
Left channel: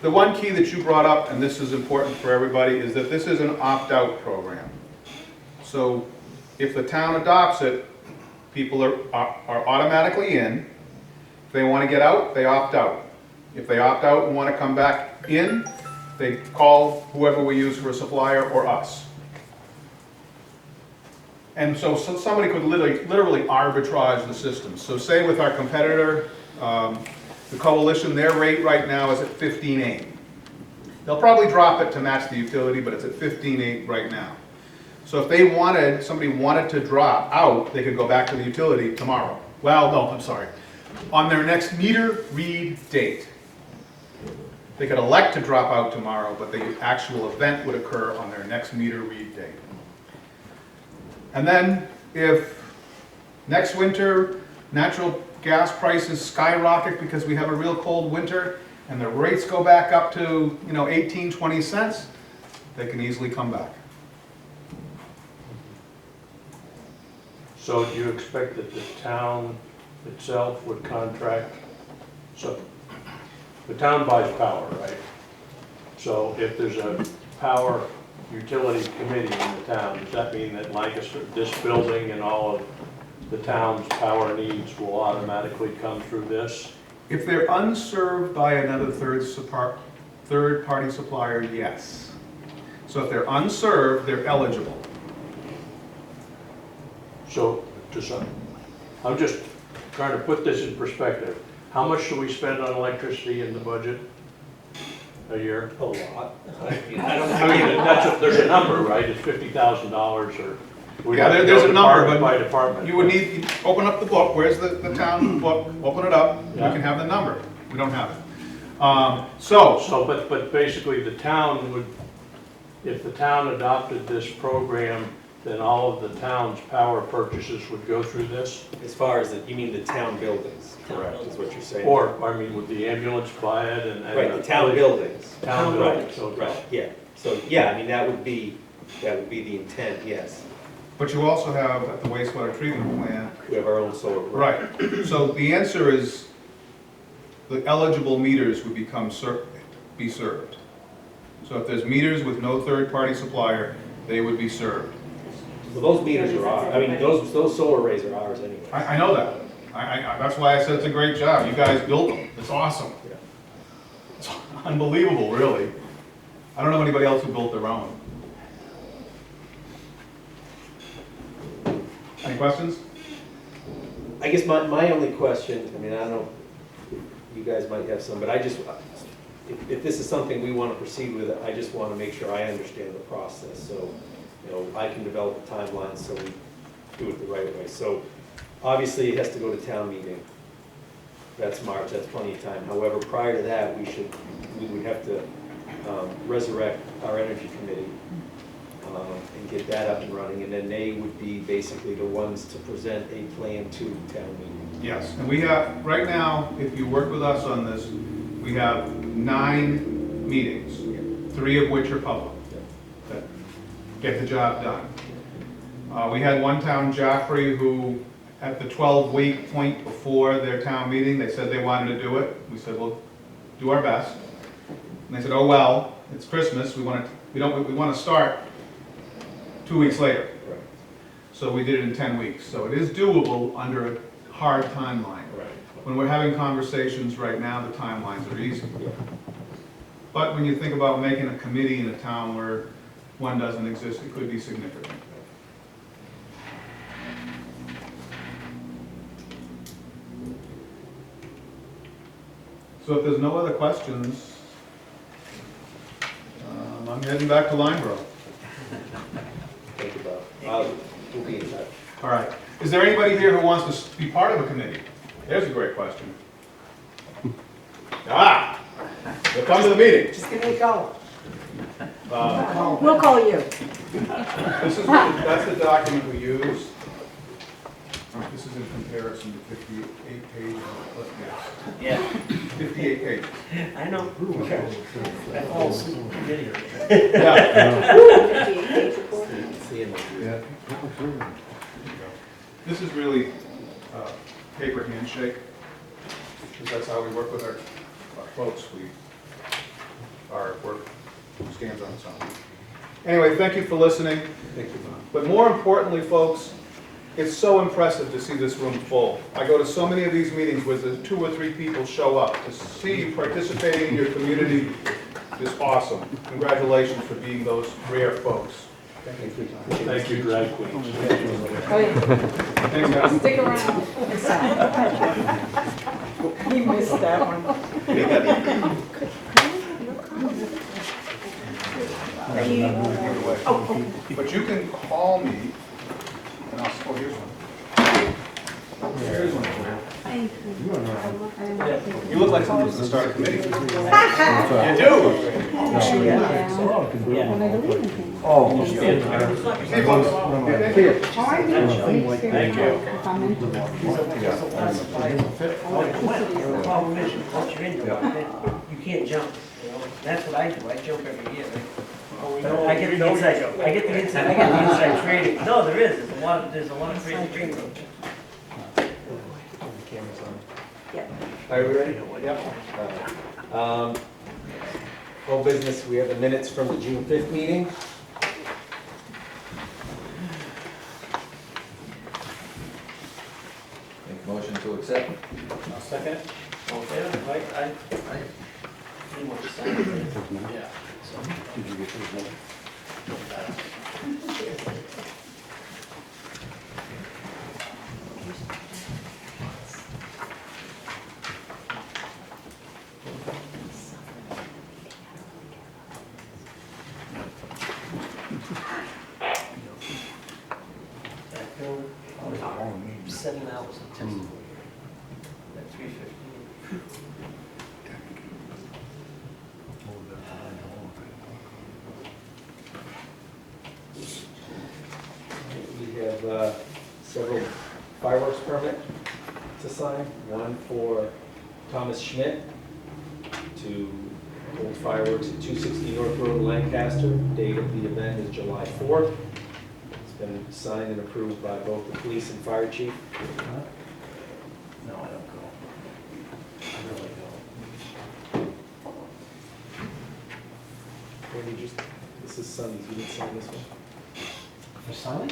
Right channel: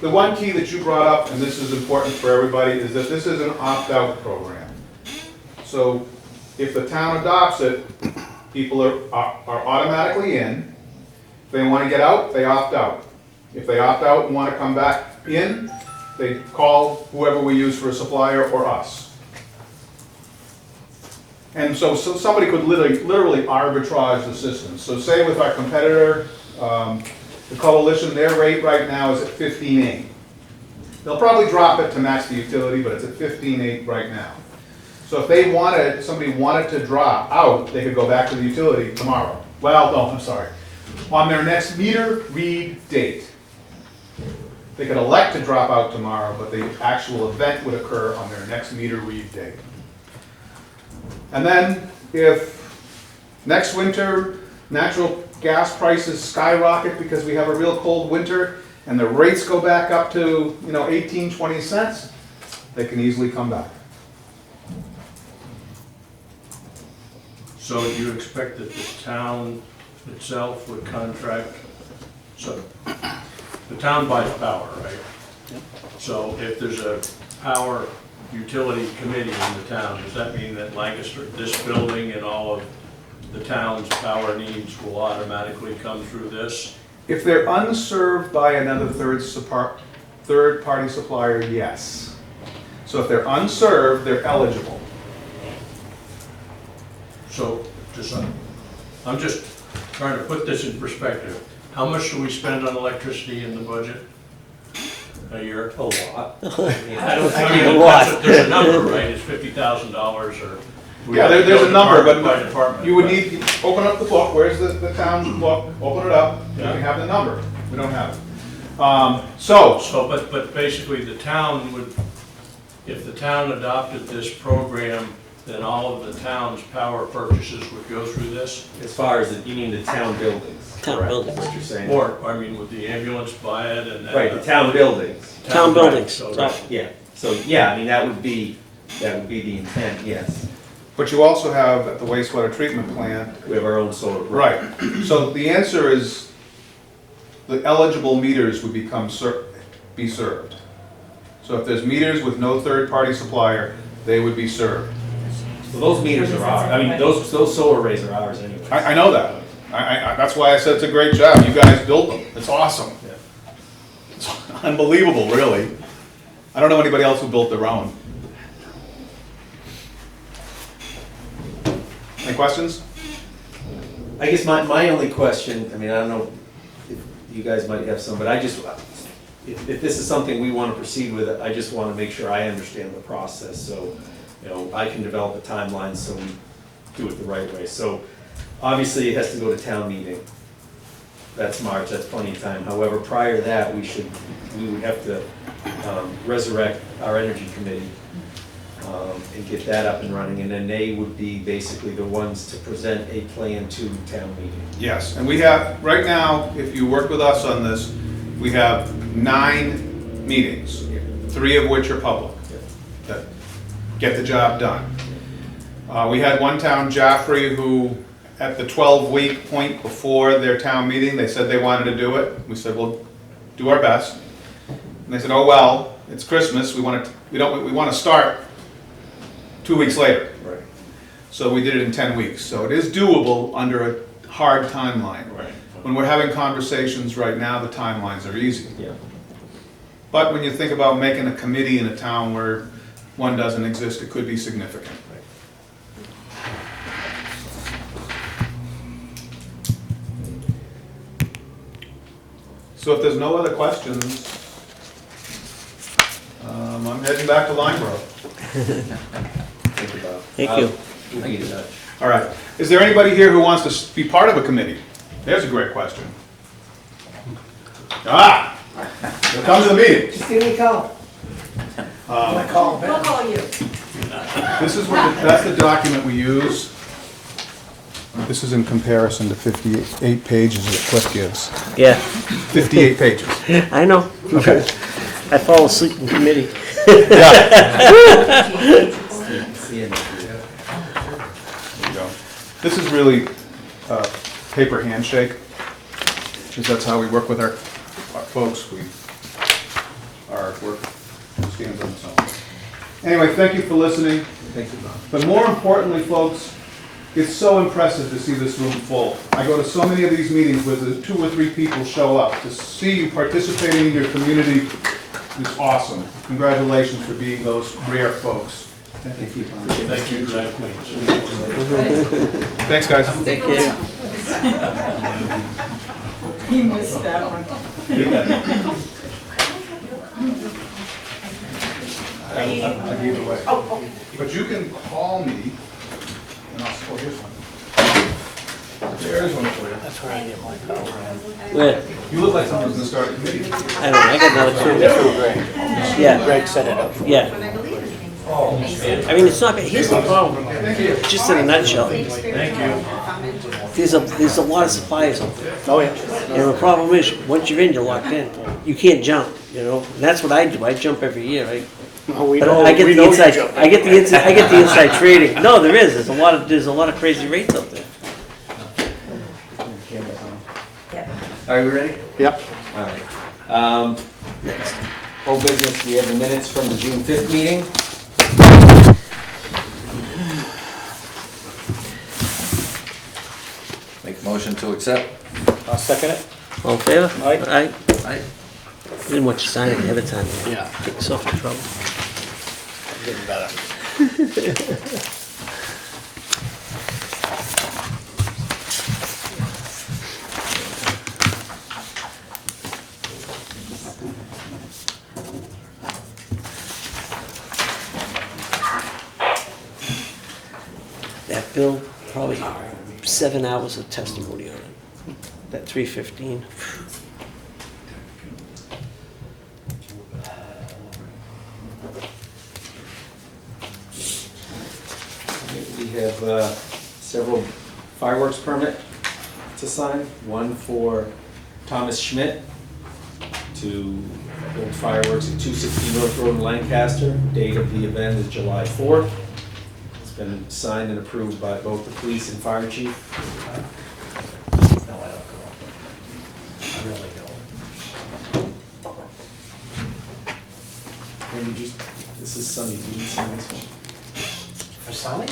The one key that you brought up, and this is important for everybody, is that this is an opt-out program. So if the town adopts it, people are automatically in. If they want to get out, they opt out. If they opt out and want to come back in, they call whoever we use for a supplier or us. And so somebody could literally arbitrage the system. So say with our competitor, the coalition, their rate right now is at 15.8. They'll probably drop it to match the utility, but it's at 15.8 right now. So if somebody wanted to drop out, they could go back to the utility tomorrow. Well, no, I'm sorry. On their next meter read date. They could elect to drop out tomorrow, but the actual event would occur on their next meter read date. And then if next winter natural gas prices skyrocket because we have a real cold winter and the rates go back up to 18, 20 cents, they can easily come back. So do you expect that the town itself would contract, so the town buys power, right? So if there's a power utility committee in the town, does that mean that Lancaster, this building and all of the town's power needs will automatically come through this? If they're unserved by another third-party supplier, yes. So if they're unserved, they're eligible. So, I'm just trying to put this in perspective. How much do we spend on electricity in the budget a year? A lot. There's a number, right? It's $50,000 or. we Yeah, have to there's go a number, department but by department. you would need to open up the book. Where's the town book? Open it up. You Yeah. can have the number. We don't have it. But basically the town would, if the town adopted this program, then all of the town's power purchases would go through this? As far as, you mean the town buildings? Town correct, buildings. is what you're saying? Or, I mean, would the ambulance buy it and? Right, the town buildings. Town buildings. So, Right. Yeah, so, yeah, I mean, that would be the intent, yes. But you also have at the wastewater treatment plant. We have our own solar. Right. So the answer is the eligible meters would be served. So if there's meters with no third-party supplier, they would be served. So those meters are ours, I mean, those solar arrays are ours anyway. I know that. That's why I said it's a great job. You guys built them. It's awesome. Yeah. It's unbelievable, really. I don't know anybody else who built their own. Any questions? I guess my only question, I mean, I don't know if you guys might have some, but I just, if this is something we want to proceed with, I just want to make sure I understand the process, so, I can develop a timeline so we do it the right way. So, obviously, it has to go to town meeting. That's March, that's plenty of time. However, prior to that, we would have to resurrect our energy committee and get that up and running, and then they would be basically the ones to present a plan to town meeting. Yes, and we have, right now, if you work with us on this, we have 9 meetings, 3 of which are public, that get the job done. We had one town, Jaffrey, who at the 12-week point before their town meeting, they said they wanted to do it. We said, we'll do our best. And they said, oh, well, it's Christmas, we want to start 2 weeks later. Right. So we did it in 10 weeks. So it is doable under a hard timeline. Right. When we're having conversations right now, the timelines are easy. Yeah. But when you think about making a committee in a town where one doesn't exist, it could be significant. So if there's no other questions, I'm heading back to Lineborough. Thank you, Bob. Thank you. We'll be in touch. All right. Is there anybody here who wants to be part of a committee? There's a great question. Ah! Come to the meeting. Just give me a call. We'll call you. This is that's the document we use. This is in comparison to 58 pages that Cliff gives. Yeah, 58 pages. I know. Okay. I fall asleep in committee. There you go. This is really a paper handshake, because that's how we work with our folks. Our work stands on its own. Anyway, thank you for listening. Thank you, Bob. But more importantly, folks, it's so impressive to see this room full. I go to so many of these meetings where the 2 or 3 people show up. To see you participating in your community is awesome. Congratulations for being those rare folks. Thank you. Thank you, Drag Queens. Thanks, guys. Stick around. He missed that one. But you can call me, and I'll, oh, here's one. There's one for you. Yeah, You look like someone's gonna start a committee. I got another two. Yeah. Greg set it up. Yeah. I mean, it's not, here's the problem, just in a nutshell. There's a lot of suppliers out there. Oh, yeah. And the problem is, once you're in, you're locked in. You can't jump, you know? And that's what I do. I jump every year, right? But I get the inside, I get the inside trading. No, there is. There's a lot of crazy rates out there. Are you ready? Yep. All right. Whole business, we have the minutes from the June 5th meeting. Make a motion to accept. I'll second it. All in favor? Aye. Aye. Didn't want you to sign it ahead of time. Yeah. Get yourself in trouble. That bill, probably 7 hours of testimony on it. That 315. We have several fireworks permit to sign. One for Thomas Schmidt to build fireworks at 260 North Road in Lancaster. Date of the event is July 4th. It's been signed and approved by both the police and fire chief. No, I don't go. I really don't. Maybe just, this is Sunday, did you sign this one? For signing?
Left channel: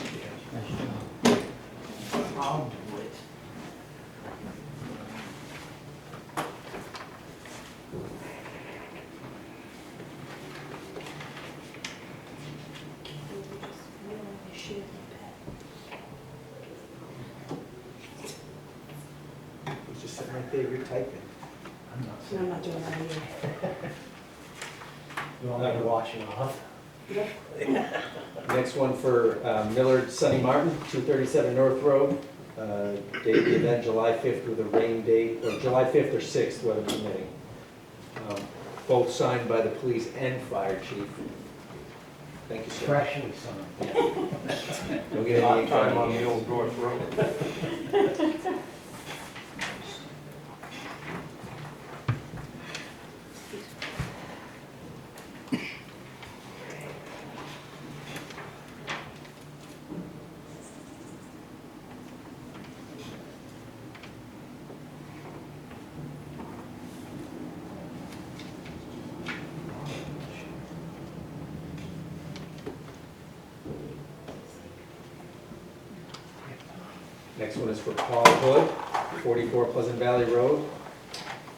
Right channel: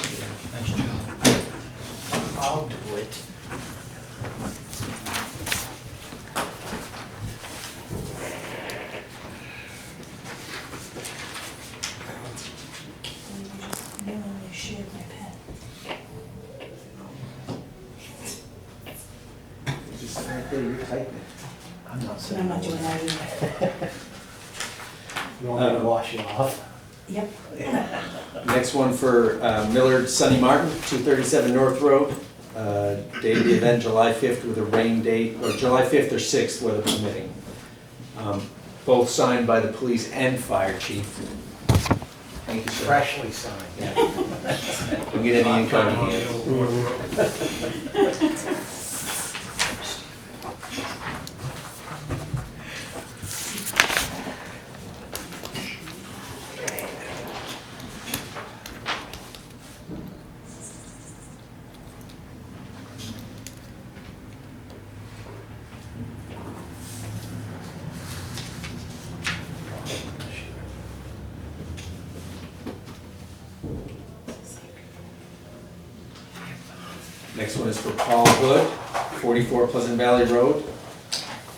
Nice job. I'll do it. Just sit right there, you're typing. I'm not sitting. I'm not doing that either. You want me to wash it off? Next one for Millard Sonny Martin, 237 North Road. Date of the event, July 5th with a rain date, or July 5th or 6th, weather permitting. Both signed by the police and fire chief. Thank you, sir. Freshly signed. We'll get any income. Next one is for Paul Hood, 44 Pleasant Valley Road.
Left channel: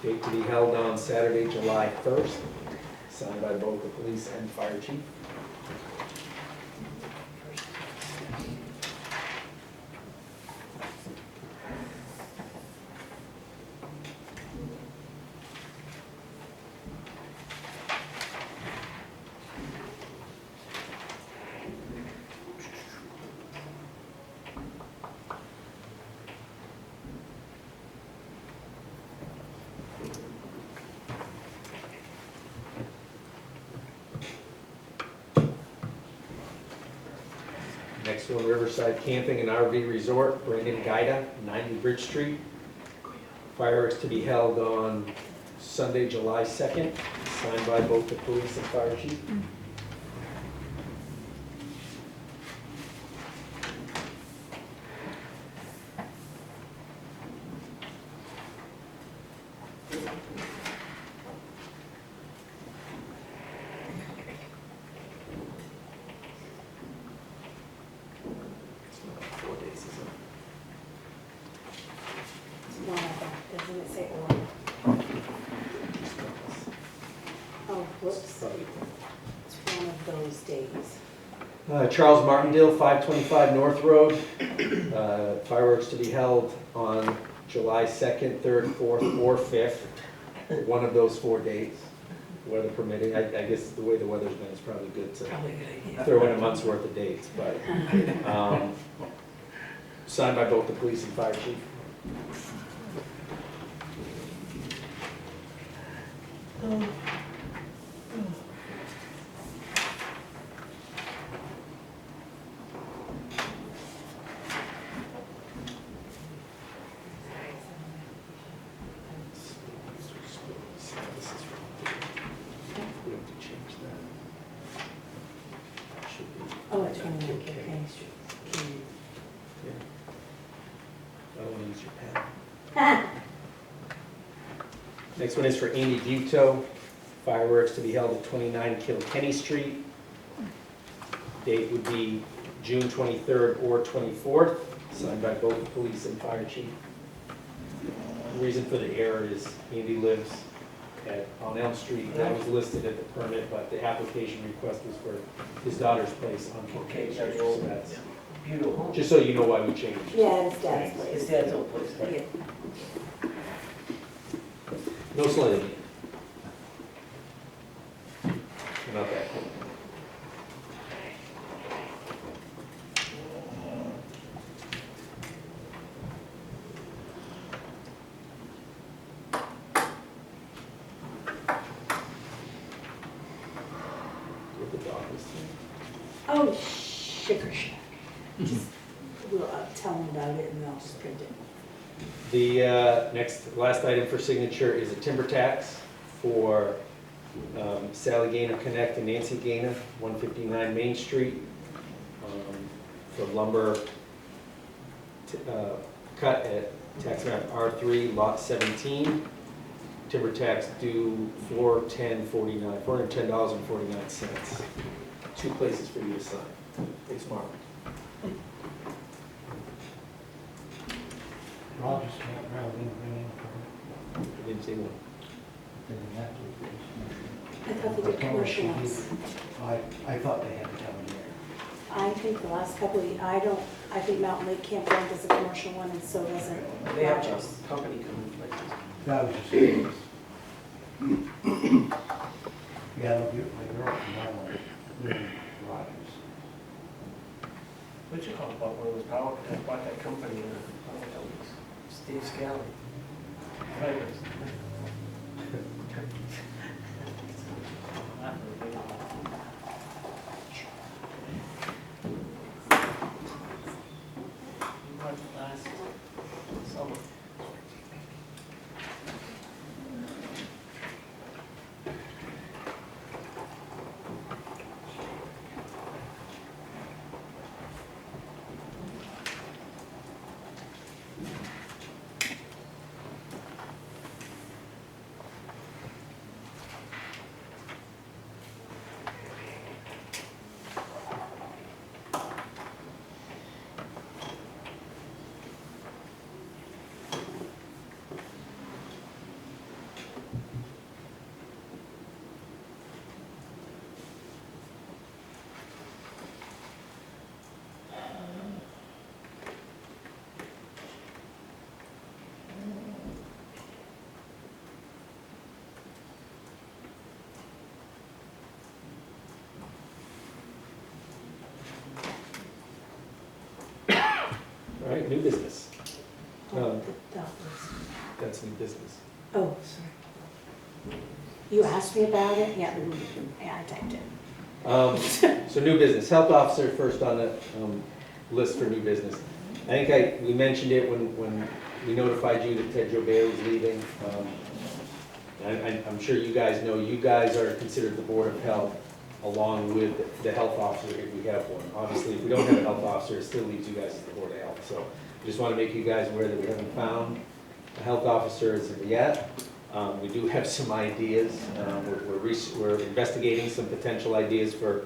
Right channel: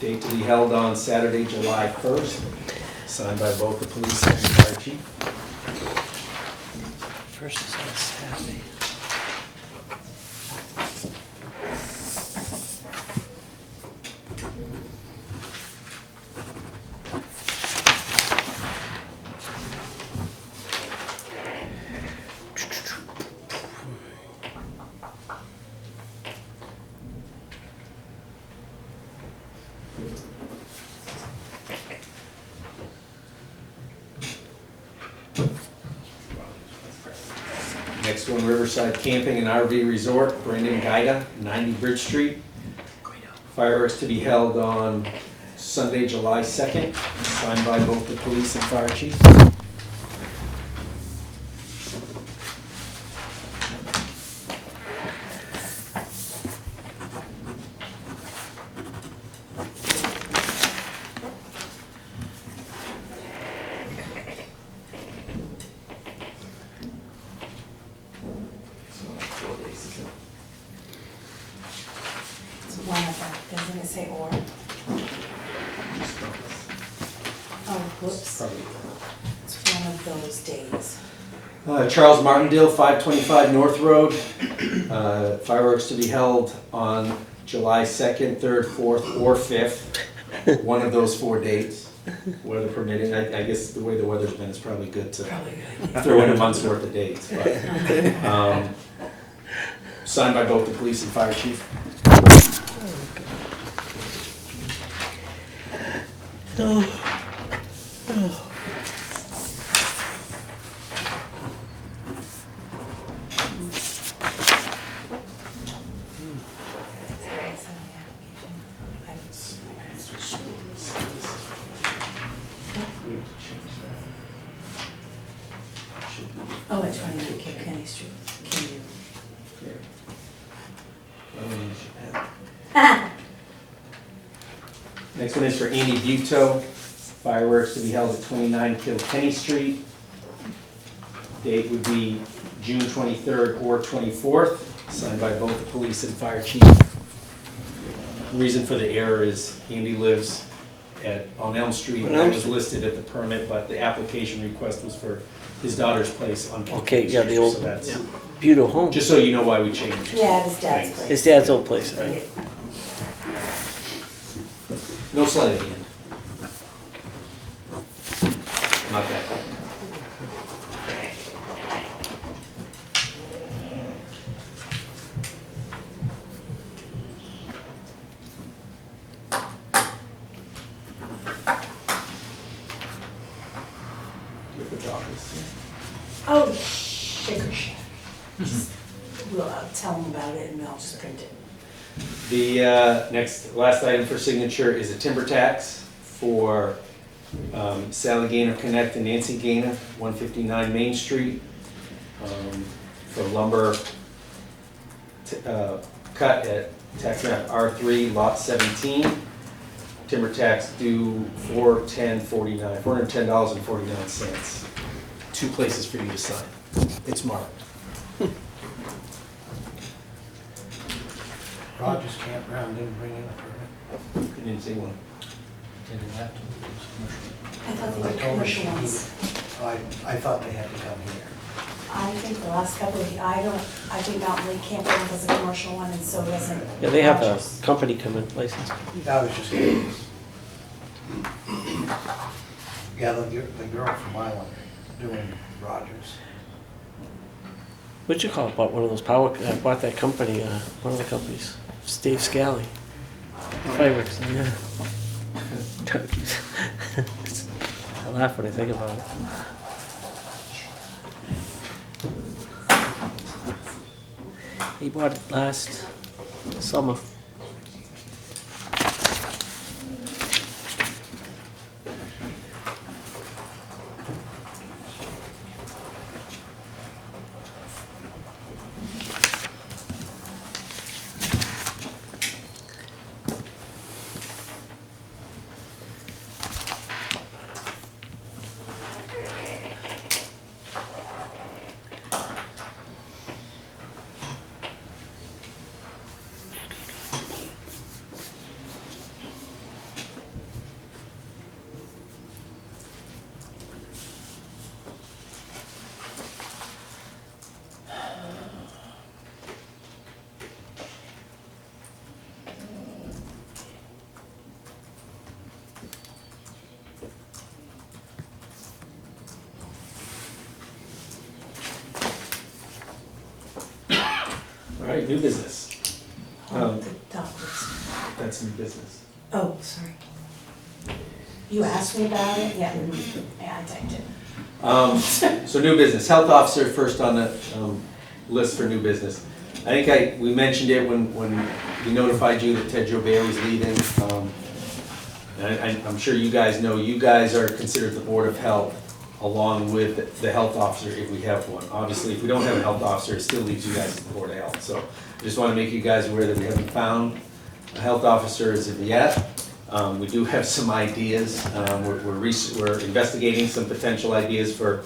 Date to be held on Saturday, July 1st. Signed by both the police and fire chief. First is on Saturday. Next one, Riverside Camping and RV Resort, Brandon Gaida, 90 Bridge Street. Fireworks to be held on Sunday, July 2nd, signed by both the police and fire chief. It's one of them, doesn't it say or? Oh, whoops, it's one of those days. Charles Martindale, 525 North Road. Fireworks to be held on July 2nd, 3rd, 4th, or 5th. One of those 4 dates, weather permitting. I guess the way the weather's been, it's probably good to Probably a good idea. throw in a month's worth of dates. But, signed by both the police and fire chief. Oh, it's 29 Kilkenny Street. Kenny. Next one is for Andy Buto. Fireworks to be held at 29 Kilkenny Street. Date would be June 23rd or 24th, signed by both the police and fire chief. Reason for the error is Andy lives on Elm Street. That was listed at the permit, but the application request was for his daughter's place on Kilkenny Okay, yeah, the Street, old- so that's, Beautiful home. just so you know why we changed. Yeah, his dad's Thanks. place. His dad's old place, right? Yeah. No sliding in. Not that cold. Oh, sugar shack. Just, we'll tell them about it and they'll just print it. The last item for signature is a timber tax for Sally Gaynor Connect and Nancy Gaynor, 159 Main Street, for lumber cut at tax map R3, lot 17. Timber tax due $410.49. 2 places for you to sign. It's marked. Rogers Campground didn't bring in a permit. You didn't see one. They didn't have to, it was commercial. I thought they I were told her commercial she ones. I thought they had to come here. I think the last couple of, I think Mountain Lake Campground is a commercial one and so doesn't. Yeah, they have a Rogers. company come in license. That was just curious. Yeah, the girl from Island doing Rogers. What'd you call it? Bought one of those power, bought that company, one of the companies, Dave Scally. Fireworks, yeah. I laugh when I think about it. He bought it last summer. All right, new business. Oh, the doctors. That's new business. Oh, sorry. You asked me about it? Yeah, yeah, I typed it. So new business, health officer first on the list for new business. I think we mentioned it when we notified you that Ted Joe Bailey's leaving. I'm sure you guys know, you guys are considered the Board of Health along with the health officer if we have one. Obviously, if we don't have a health officer, it still leaves you guys as the Board of Health. So I just want to make you guys aware that we haven't found a health officer as of yet. We do have some ideas. We're investigating some potential ideas for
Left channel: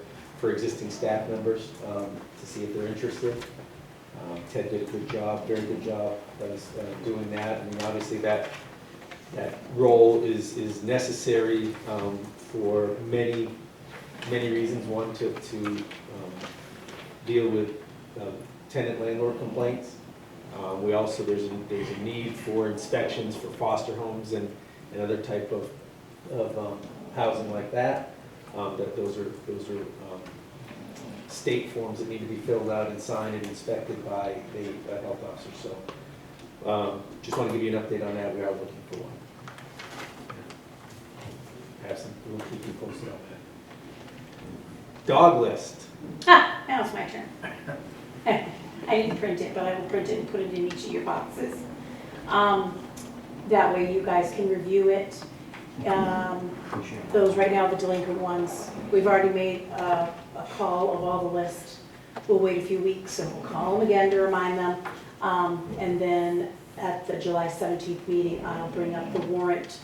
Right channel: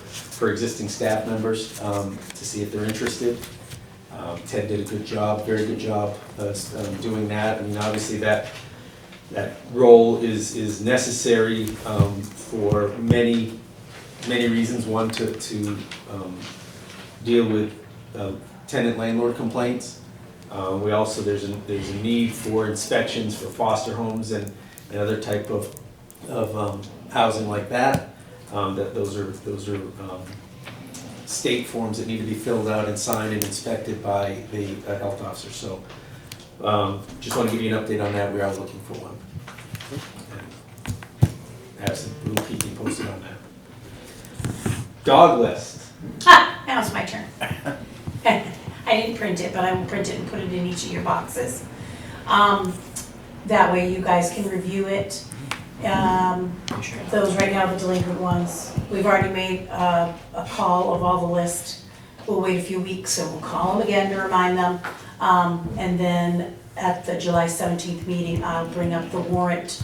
existing staff members to see if they're interested. Ted did a good job, very good job doing that. I mean, obviously that role is necessary for many reasons. One, to deal with tenant landlord complaints. We also, there's a need for inspections for foster homes and other type of housing like that. Those are state forms that need to be filled out and signed and inspected by the health officer. So just want to give you an update on that. We are looking for one. We'll keep you posted on that. Dog list. Now it's my turn. I didn't print it, but I will print it and put it in each of your boxes. That way you guys can review it. Those right now, the delinquent ones, we've already made a call of all the list. We'll wait a few weeks and we'll call them again to remind them. And then at the July 17th meeting, I'll bring up the warrant,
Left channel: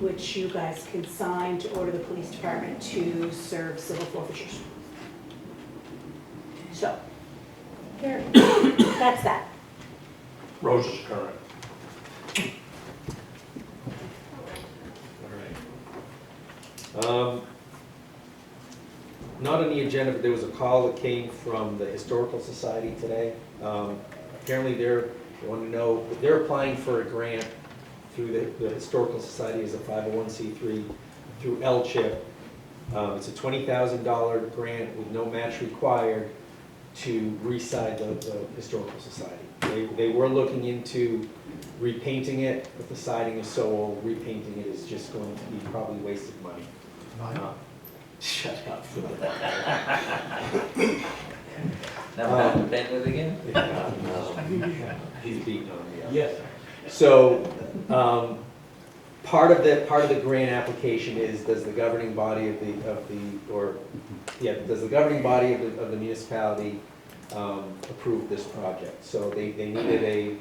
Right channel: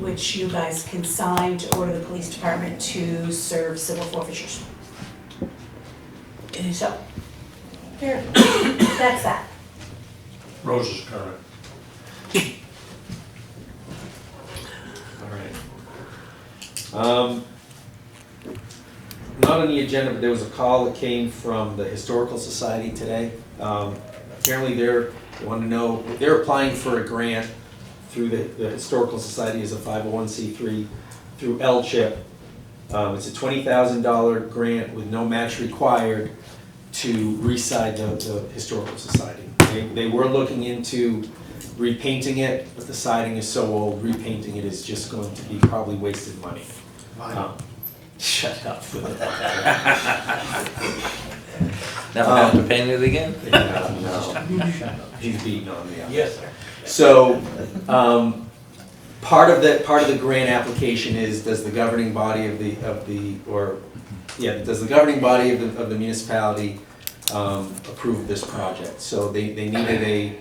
which you guys can sign to order the police department to serve civil forfeitures. So, here, that's that. Rose is current. Not on the agenda, but there was a call that came from the Historical Society today. Apparently they want to know, they're applying for a grant through the Historical Society as a 501c3 through LCHIP. It's a $20,000 grant with no match required to re-side the Historical Society. They were looking into repainting it, but the siding is so old, repainting it is just going to be probably wasted money. Shut up. Now I have to paint it again? He's beating on me. Yes, sir. So, part of the grant application is, does the governing body of the municipality approve this project? So they needed a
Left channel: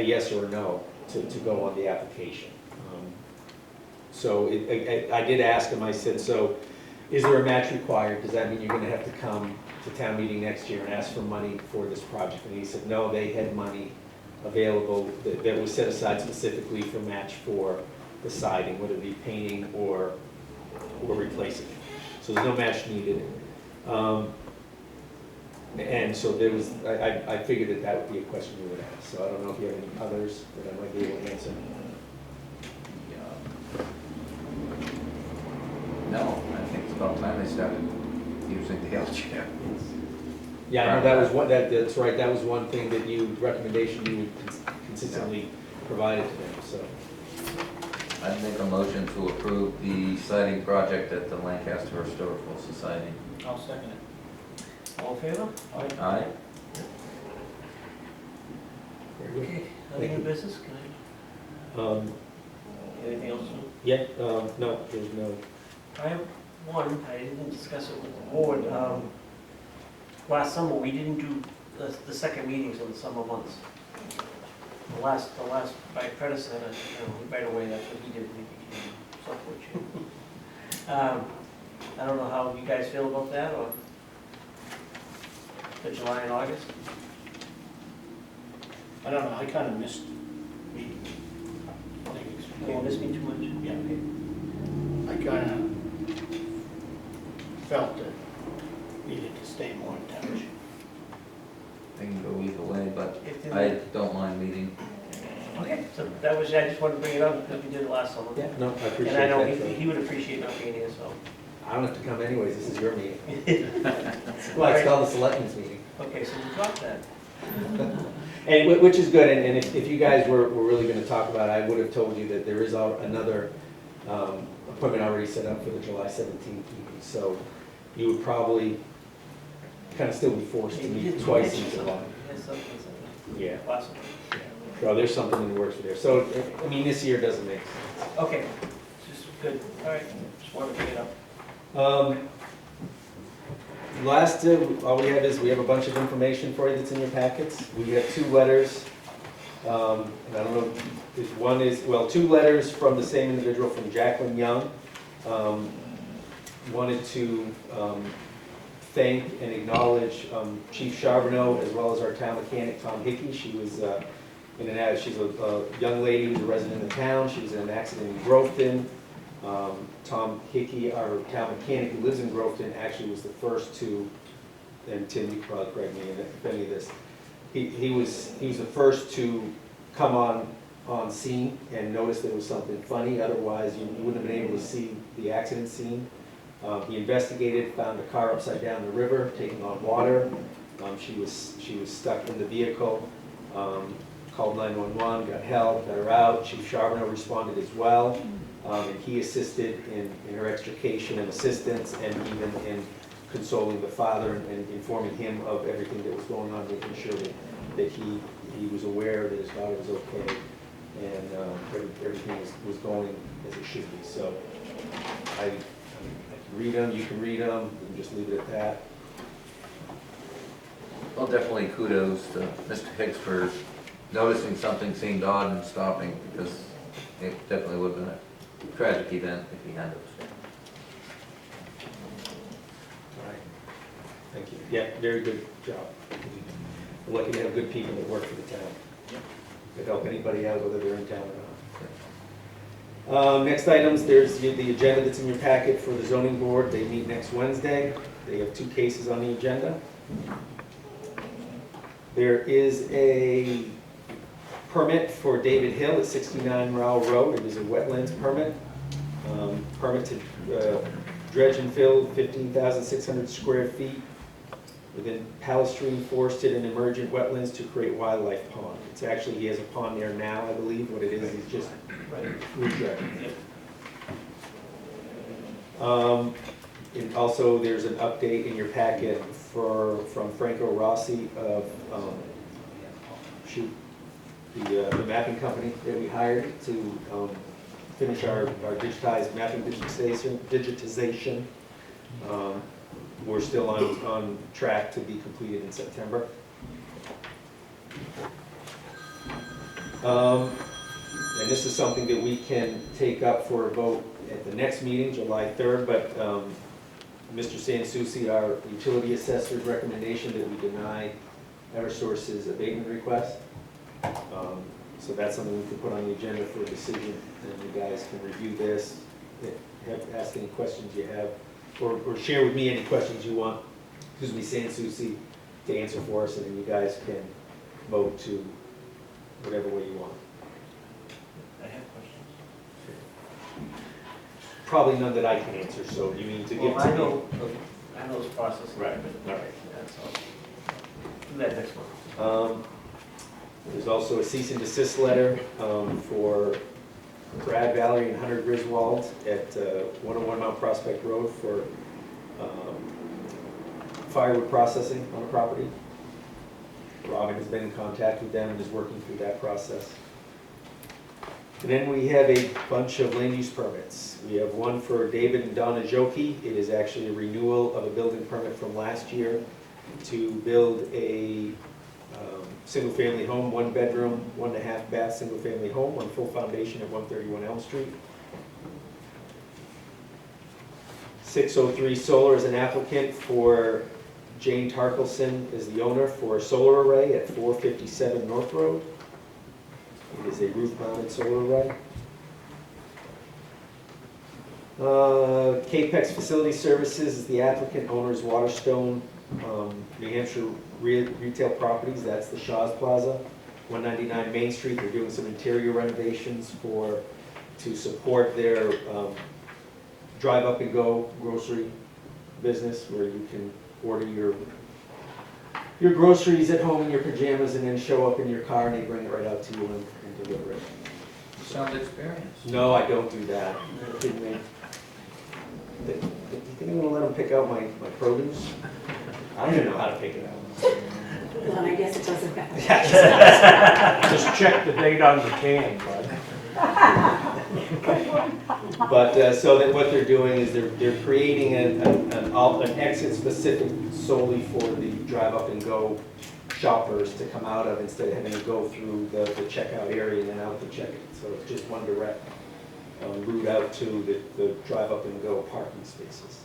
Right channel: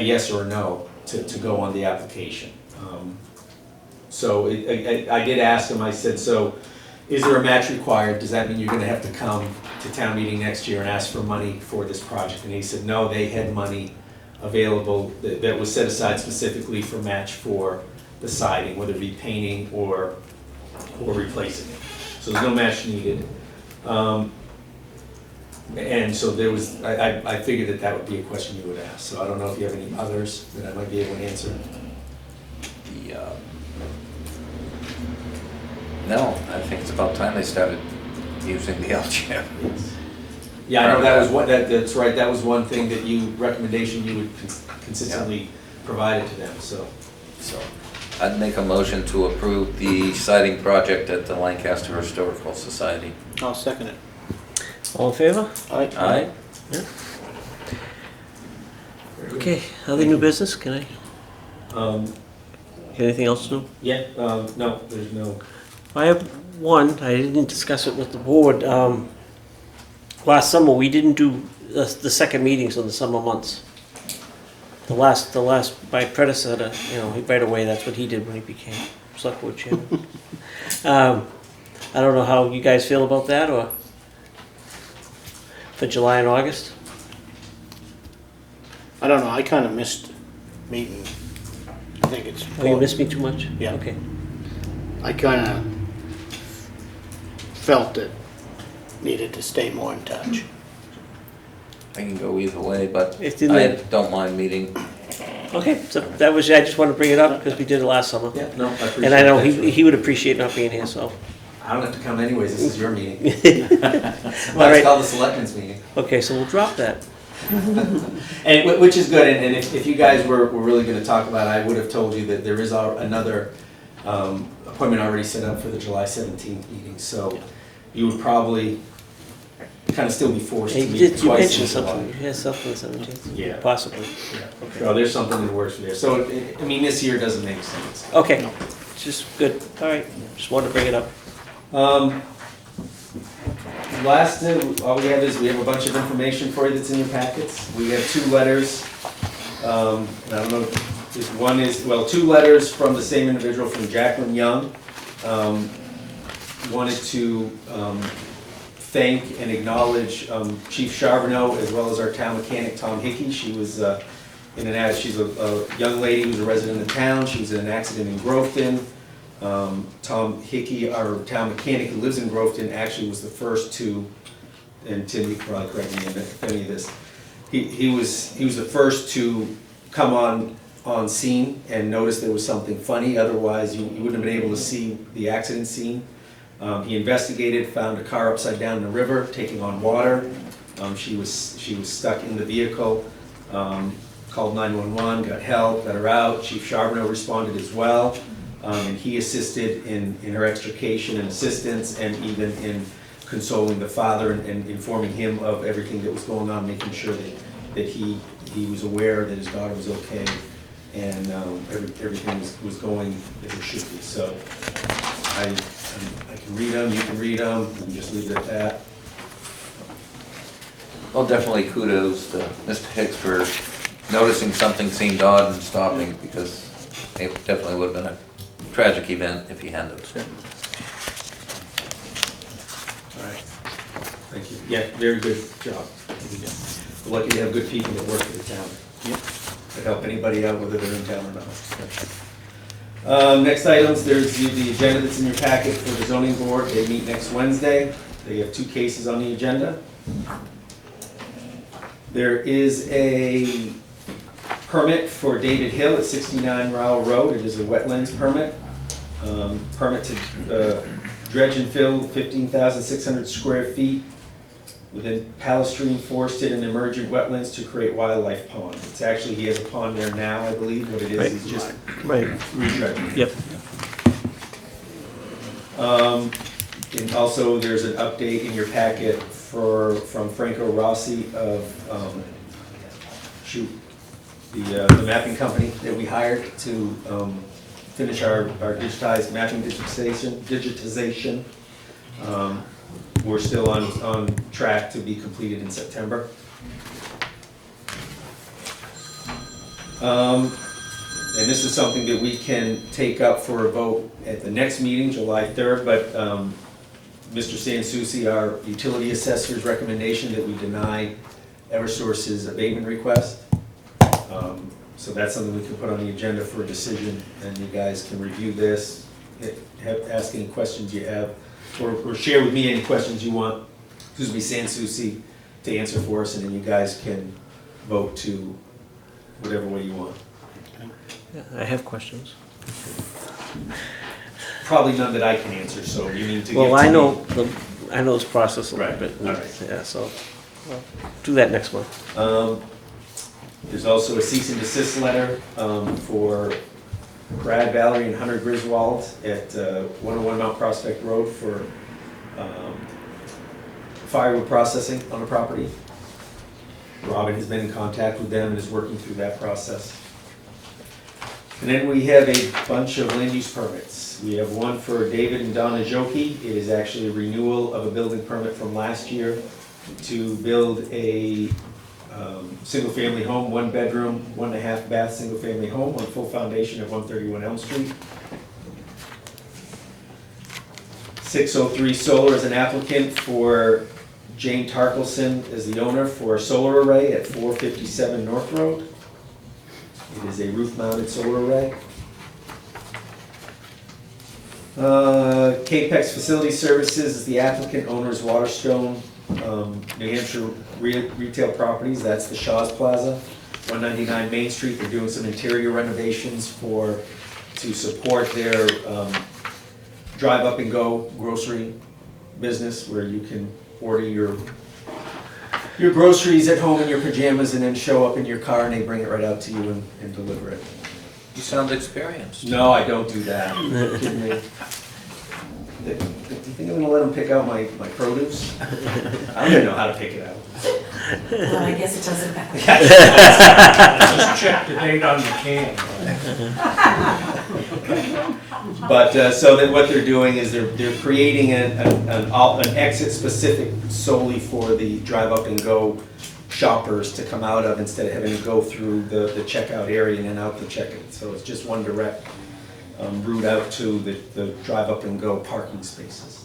yes or a no to go on the application. So I did ask him, I said, so is there a match required? Does that mean you're gonna have to come to town meeting next year and ask for money for this project? And he said, no, they had money available that was set aside specifically for match for the siding, whether it be painting or replacing it. So there's no match needed. And so there was, I figured that would be a question you would ask. So I don't know if you have any others that I might be able to answer. No, I think it's about time they started using the LGM. Yeah, I know that was that's right, that was one thing that recommendation you would consistently provided to them, so. I'd make a motion to approve the siding project at the Lancaster Historical Society. I'll second it. All in favor? Aye? Okay, other new business, can I, anything else new? Yeah, no, there's no. I have one, I didn't discuss it with the board. Last summer, we didn't do the second meetings of the summer months. The last, my predecessor, right away, that's what he did when he became select board chairman. I don't know how you guys feel about that, or for July and August? I don't know, I kind of missed meeting. I think it's. Oh, you missed me too much? Yeah. Okay. I kind of felt it needed to stay more in touch. I can go either way, but It didn't- I don't mind meeting. Okay, so that was, I just wanted to bring it up because we did it last summer. Yeah, no, I appreciate And I know that. he would appreciate not being here, so. I don't have to come anyways, this is your meeting. All Well, right. it's called the selectmen's meeting. Okay, so we'll drop that. And which is good, and if you guys were really gonna talk about it, I would have told you that there is another appointment already set up for the July 17th meeting, so you would probably kind of still be forced to You meet did, you twice mentioned in July. something, you had something 17th? Yeah. Possibly. Well, there's something in the works for there. So, I mean, this year doesn't make sense. Okay, just good, all right, just wanted to bring it up. Last, all we have is, we have a bunch of information for you that's in your packets. We have 2 letters. And I don't know, if one is, well, 2 letters from the same individual, from Jacqueline Young. Wanted to thank and acknowledge Chief Charbonneau, as well as our town mechanic, Tom Hickey. She was she's a young lady who's a resident of town. She was in an accident in Groveton. Tom Hickey, our town mechanic who lives in Groveton, actually was the first to, and Tim, you can probably correct me if any of this, he was the first to come on scene and notice there was something funny. Otherwise, you wouldn't have been able to see the accident scene. He investigated, found a car upside down in the river, taking on water. She was stuck in the vehicle. Called 911, got help, got her out. Chief Charbonneau responded as well. And he assisted in her extrication and assistance, and even in consoling the father and informing him of everything that was going on, making sure that he was aware that his daughter was okay, and everything was going as it should be. So I can read them, you can read them, and just leave it at that. Well, definitely kudos to Mr. Hicks for noticing something seemed odd and stopping, because it definitely would have been a tragic event if he hadn't. All right. Thank you. Yeah, very good job. We're lucky to have good people that work for the town. To help anybody out, whether they're in town or not. Next items, there's the agenda that's in your packet for the zoning board. They meet next Wednesday. They have 2 cases on the agenda. There is a permit for David Hill at 69 Rowell Road. It is a wetlands permit. Permit to dredge and fill 15,600 square feet within Palestrine forested and emergent wetlands to create wildlife pond. It's actually, he has a pond there now, I believe. What it is just Right. re-dredging. Yep. And also, there's an update in your packet from Franco Rossi of, the mapping company that we hired to finish our digitized mapping digitization. We're still on track to be completed in September. And this is something that we can take up for a vote at the next meeting, July 3rd, but Mr. Sansucci, our utility assessor's recommendation that we deny Eversource's abatement request. So that's something we can put on the agenda for a decision, and you guys can review this, ask any questions you have, or share with me any questions you want, Sansucci, to answer for us, and then you guys can vote to whatever way you want. Yeah, I have questions. Probably none that I can answer, so you need to. Well, I know this process a little Right, bit. all right. Yeah, so I'll do that next month. There's also a cease and desist letter for Brad Valerie and Hunter Griswold at 101 Mount Prospect Road for firewood processing on a property. Robin has been in contact with them and is working through that process. And then we have a bunch of land use permits. We have one for David and Donna Joki. It is actually a renewal of a building permit from last year to build a single-family home, 1 bedroom, 1.5 bath, single-family home on full foundation at 131 Elm Street. 603 Solar is an applicant for Jane Tarkelson as the owner for a solar array at 457 North Road. It is a roof-mounted solar array. Capex Facility Services is the applicant, owner's Waterstone, New Hampshire Retail Properties. That's the Shaw's Plaza, 199 Main Street. They're doing some interior renovations to support their drive up and go grocery business, where you can order your groceries at home in your pajamas and then show up in your car and they bring it right out to you and deliver it. You sound experienced. No, I don't do that. Kidding me? Do you think I'm gonna let them pick out my produce? I don't even know how to pick it out. Well, I guess it doesn't matter. Just check the date on the can. But, so that what they're doing is they're creating an exit specific solely for the drive up and go shoppers to come out of, instead of having to go through the checkout area and then out the checkout. So it's just one direct route out to the drive up and go parking spaces.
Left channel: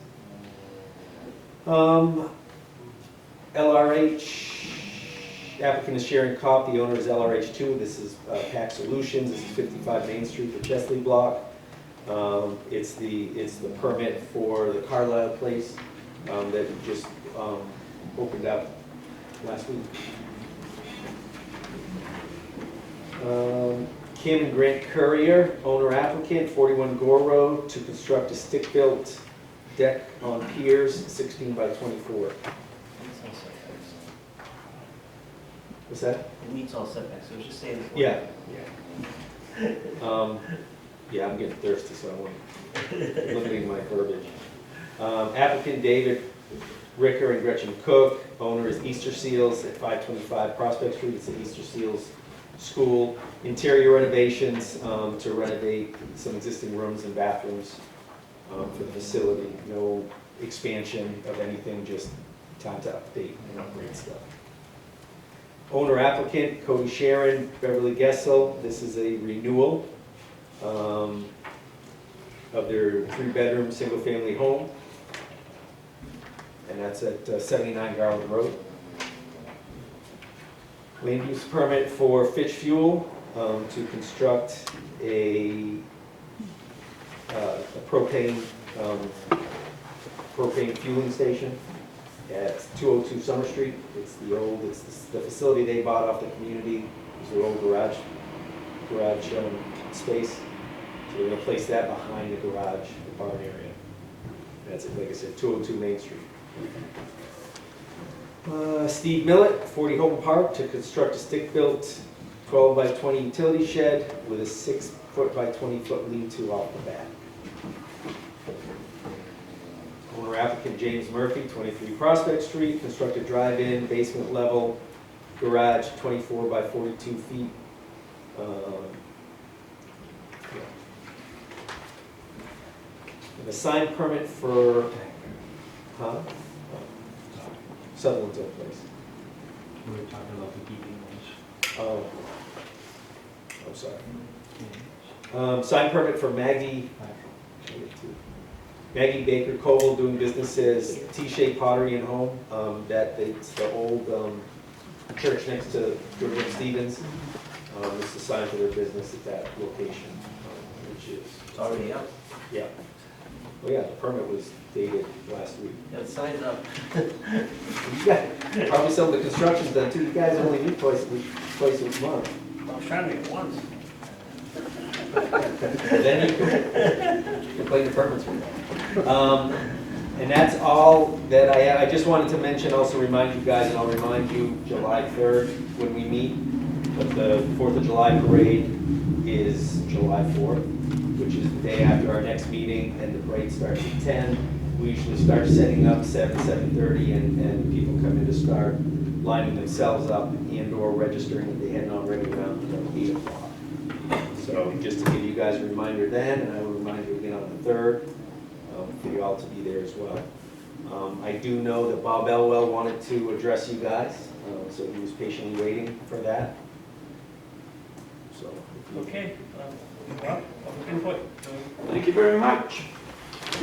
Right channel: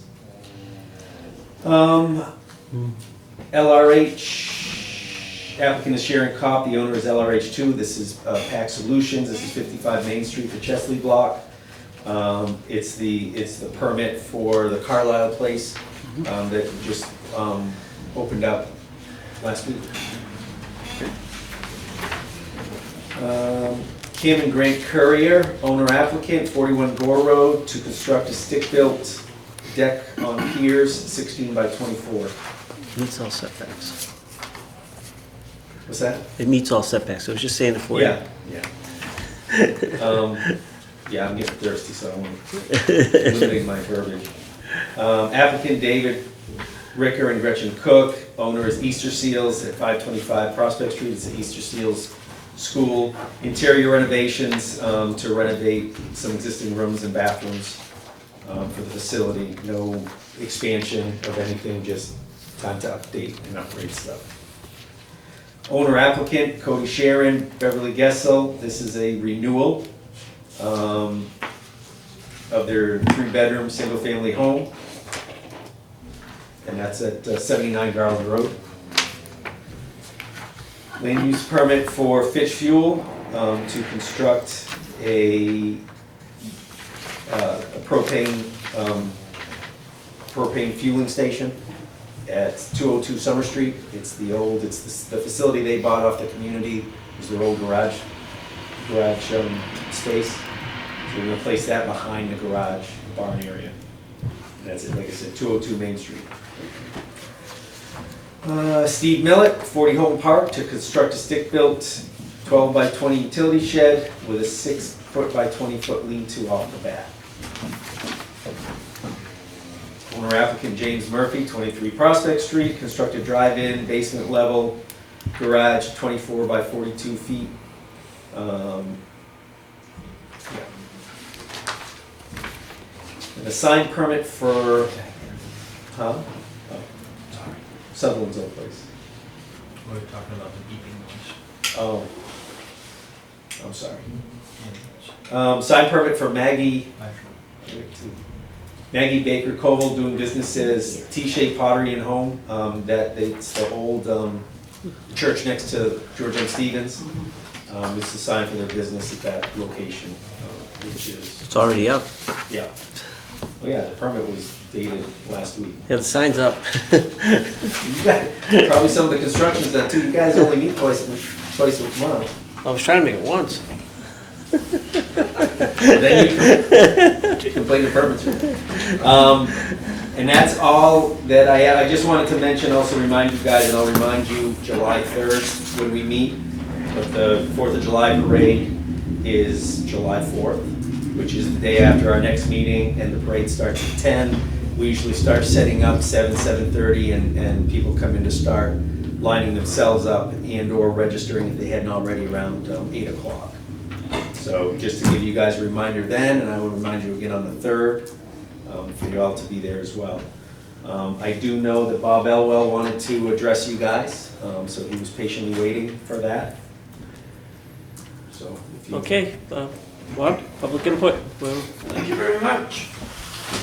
LRH, applicant is Sharon Kopp, the owner is LRH2. This is PAC Solutions. This is 55 Main Street for Chesley Block. It's the permit for the Carlisle place that just opened up last week. Kim and Grant Courier, owner applicant, 41 Gore Road, to construct a stick-built deck on piers, 16 by 24. Meets all setbacks. What's that? It meets all setbacks. I was just saying it for you. Yeah, yeah. Yeah, I'm getting thirsty, so I'm limiting my verbiage. Applicant David Ricker and Gretchen Cook. Owner is Easter Seals at 525 Prospect Street. It's the Easter Seals School. Interior renovations to renovate some existing rooms and bathrooms for the facility. No expansion of anything, just time to update and upgrade stuff. Owner applicant Cody Sharon, Beverly Gessel. This is a renewal of their 3-bedroom, single-family home. And that's at 79 Garland Road. Land use permit for Fitch Fuel to construct a propane fueling station at 202 Summer Street. It's the facility they bought off the community. It's their old garage space. So we're gonna place that behind the garage, the barn area. That's it, like I said, 202 Main Street. Steve Millett, 40 Houghton Park, to construct a stick-built 12 by 20 utility shed with a 6-foot by 20-foot lean-to off the back. Owner applicant James Murphy, 23 Prospect Street, construct a drive-in basement level garage, 24 by 42 feet. And a sign permit for, Sutherland's old place. We were talking about the beeping noise. Oh, I'm sorry. Sign permit for Maggie Baker Koval, doing business as T-shaped Pottery and Home. It's the old church next to George M. Stevens. It's the sign for their business at that location, which is, It's already up. yeah. Oh yeah, the permit was dated last week. Yeah, the sign's up. Probably some of the construction's done too. You guys only meet twice a month. I was trying to make it once. Then you complain the permits. And that's all that I have. I just wanted to mention, also remind you guys, and I'll remind you, July 3rd when we meet. But the 4th of July parade is July 4th, which is the day after our next meeting, and the parade starts at 10. We usually start setting up 7:30, and people come in to start lining themselves up and or registering if they hadn't already around 8 o'clock. So just to give you guys a reminder then, and I will remind you again on the 3rd, for you all to be there as well. I do know that Bob Elwell wanted to address you guys, so he was patiently waiting for that. So if you Okay, Bob, public input. Well, Thank you very much.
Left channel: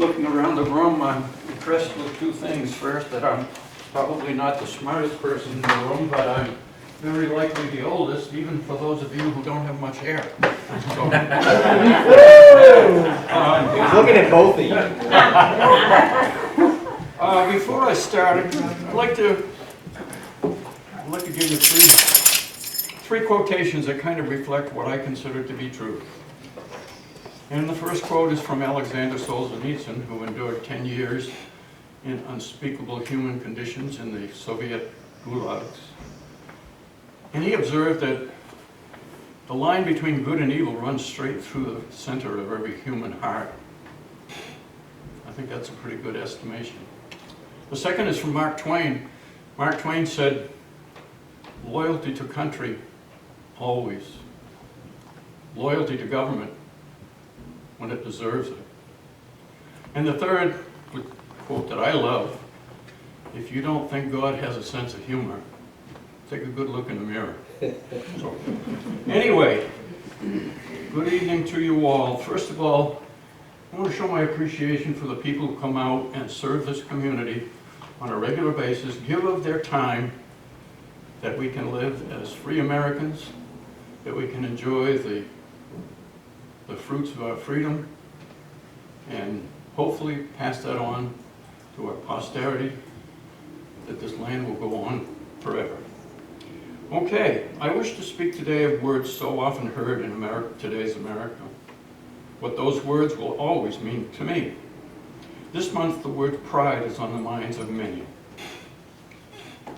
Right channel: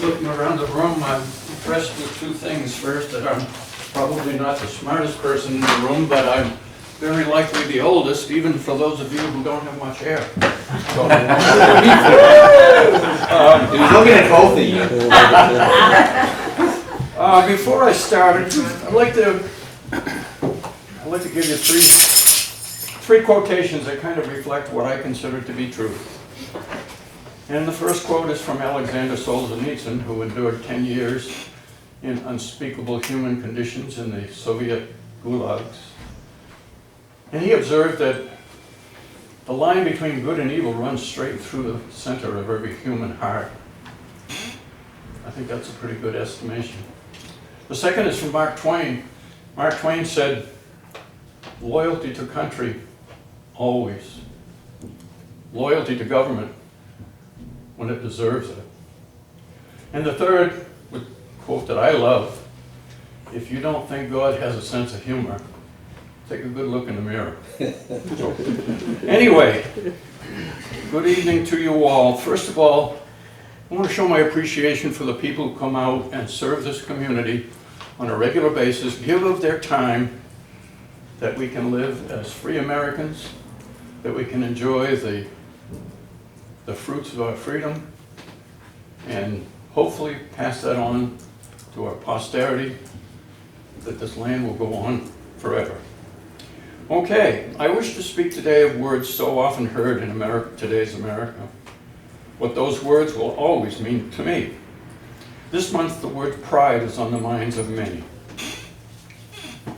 Looking around the room, I'm impressed with two things. First, that I'm probably not the smartest person in the room, but I'm very likely the oldest, even for those of you who don't have much hair. So, he was looking at both of you. before I start, I'd like to give you three quotations that kind of reflect what I consider to be true. And the first quote is from Alexander Solzhenitsyn, who endured 10 years in unspeakable human conditions in the Soviet gulags. And he observed that the line between good and evil runs straight through the center of every human heart. I think that's a pretty good estimation. The second is from Mark Twain. Mark Twain said, loyalty to country, always. Loyalty to government, when it deserves it. And the third, a quote that I love, if you don't think God has a sense of humor, take a good look in the mirror. So, anyway, good evening to you all. First of all, I want to show my appreciation for the people who come out and serve this community on a regular basis, give of their time, that we can live as free Americans, that we can enjoy the fruits of our freedom, and hopefully pass that on to our posterity, that this land will go on forever. Okay, I wish to speak today of words so often heard in America, today's America. What those words will always mean to me. This month, the word pride is on the minds of many.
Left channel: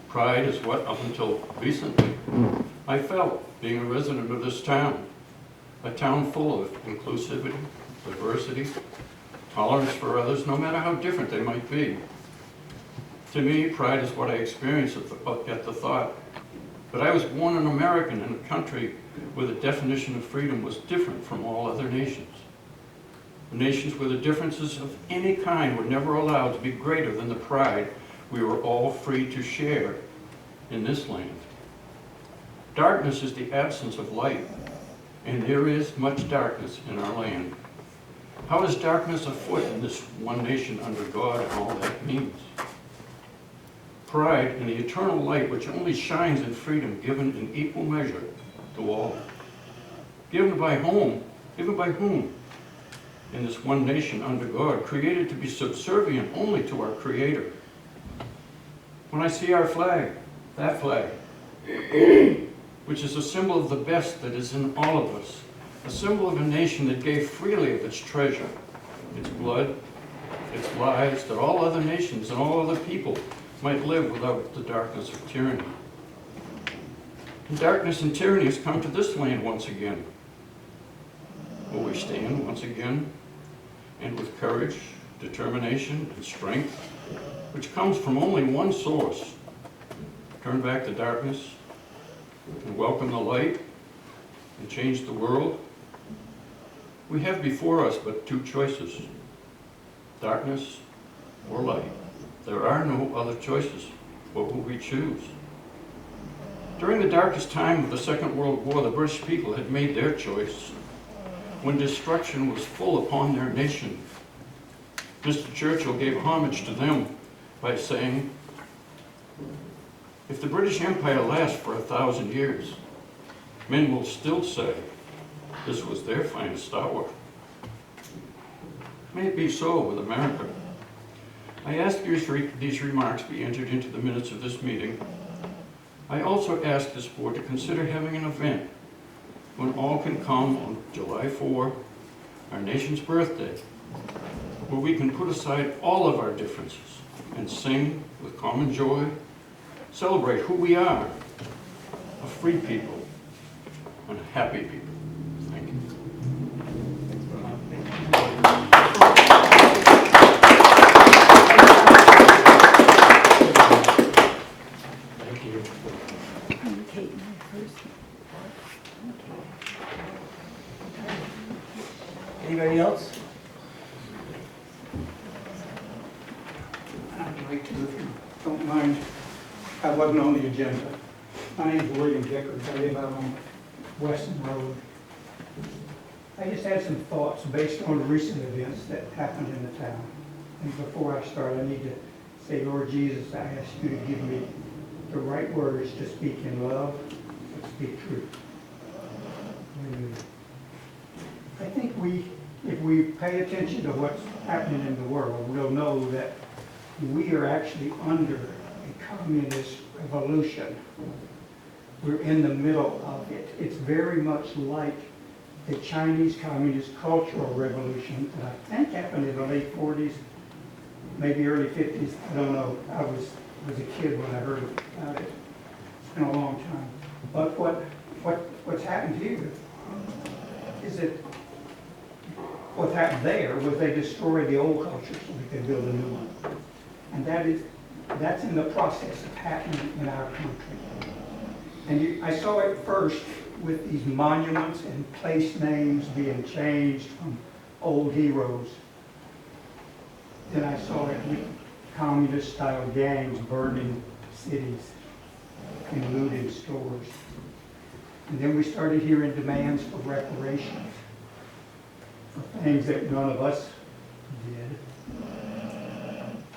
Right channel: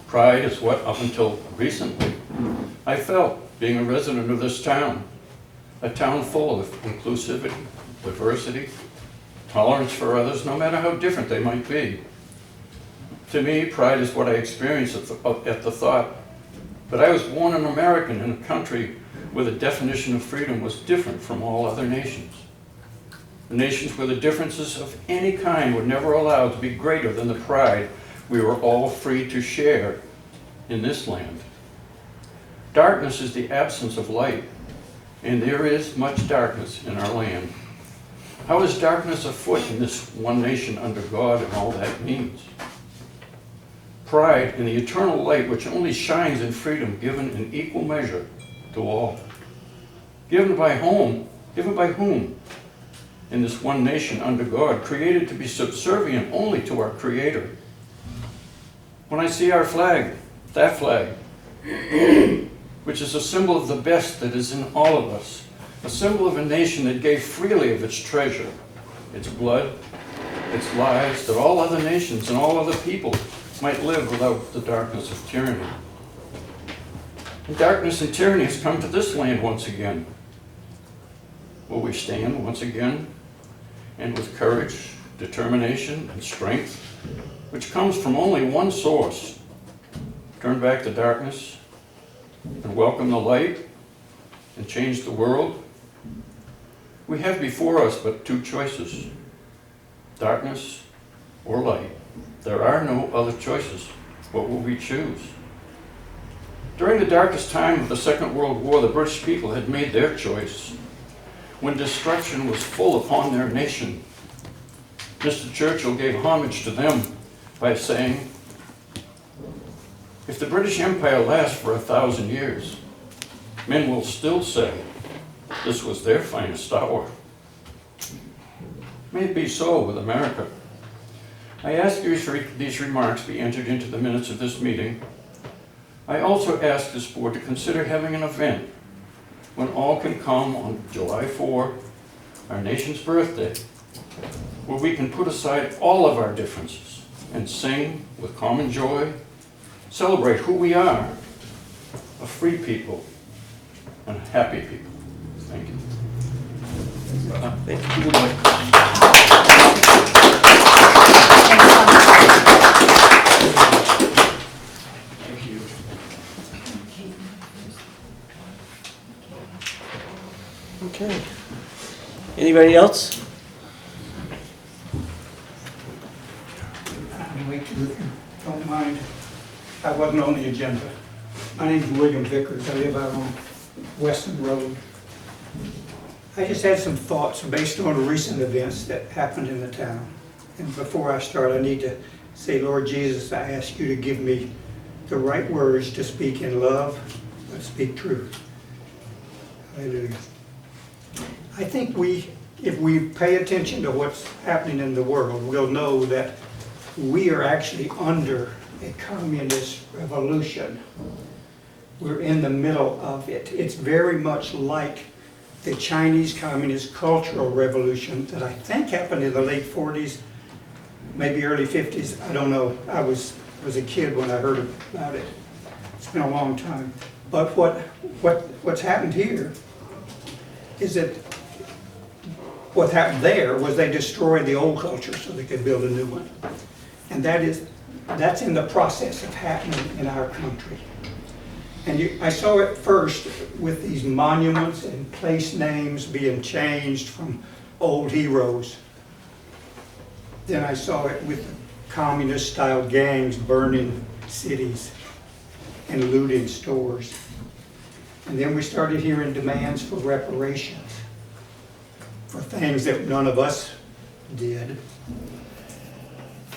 Pride is what, up until recently, I felt being a resident of this town. A town full of inclusivity, diversity, tolerance for others, no matter how different they might be. To me, pride is what I experienced at the thought that I was born an American in a country where the definition of freedom was different from all other nations. Nations where the differences of any kind were never allowed to be greater than the pride we were all free to share in this land. Darkness is the absence of light, and there is much darkness in our land. How is darkness afoot in this one nation under God and all that means? Pride in the eternal light which only shines in freedom given in equal measure to all. Given by whom? Given by whom? In this one nation under God, created to be subservient only to our Creator. When I see our flag, that flag, which is a symbol of the best that is in all of us, a symbol of a nation that gave freely of its treasure, its blood, its lives, that all other nations and all other people might live without the darkness of tyranny. And darkness and tyranny has come to this land once again. Will we stand once again, and with courage, determination, and strength, which comes from only one source, turn back the darkness and welcome the light and change the world? We have before us but two choices, darkness or light. There are no other choices. What will we choose? During the darkest time of the Second World War, the British people had made their choice. When destruction was full upon their nation, Mr. Churchill gave homage to them by saying, if the British Empire lasts for 1,000 years, men will still say this was their finest hour. May it be so with America. I ask these remarks be entered into the minutes of this meeting. I also ask this board to consider having an event when all can come on July 4, our nation's birthday, where we can put aside all of our differences and sing with common joy, celebrate who we are, a free people and happy people. Thank you. Thank you. Okay. Anybody else? I'd like to, if you don't mind, I wasn't on the agenda. My name's William Vickers, I live out on Weston Road. I just had some thoughts based on recent events that happened in the town. And before I start, I need to say, Lord Jesus, I ask you to give me the right words to speak in love, but speak truth. Hallelujah. I think if we pay attention to what's happening in the world, we'll know that we are actually under a communist revolution. We're in the middle of it. It's very much like the Chinese Communist Cultural Revolution that I think happened in the late 40s, maybe early 50s. I don't know. I was a kid when I heard about it. It's been a long time. But what's happened here is that what happened there was they destroyed the old culture so they could build a new one. And that's in the process of happening in our country. And I saw it first with these monuments and place names being changed from old heroes. Then I saw it with communist-style gangs burning cities and looting stores. And then we started hearing demands for reparations for things that none of us did.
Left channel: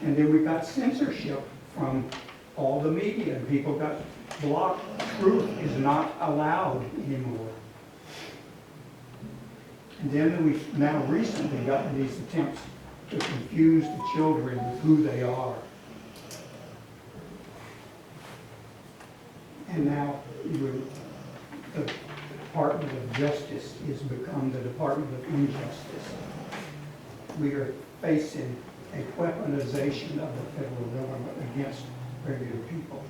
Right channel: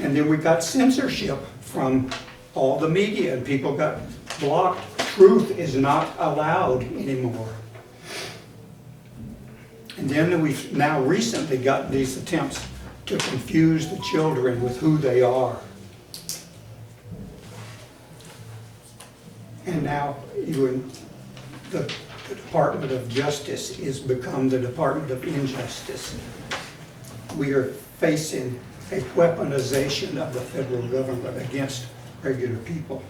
And then we got censorship from all the media, and people got blocked. Truth is not allowed anymore. And then we've now recently got these attempts to confuse the children with who they are. And now even the Department of Justice has become the Department of Injustice. We are facing a weaponization of the federal government against regular people.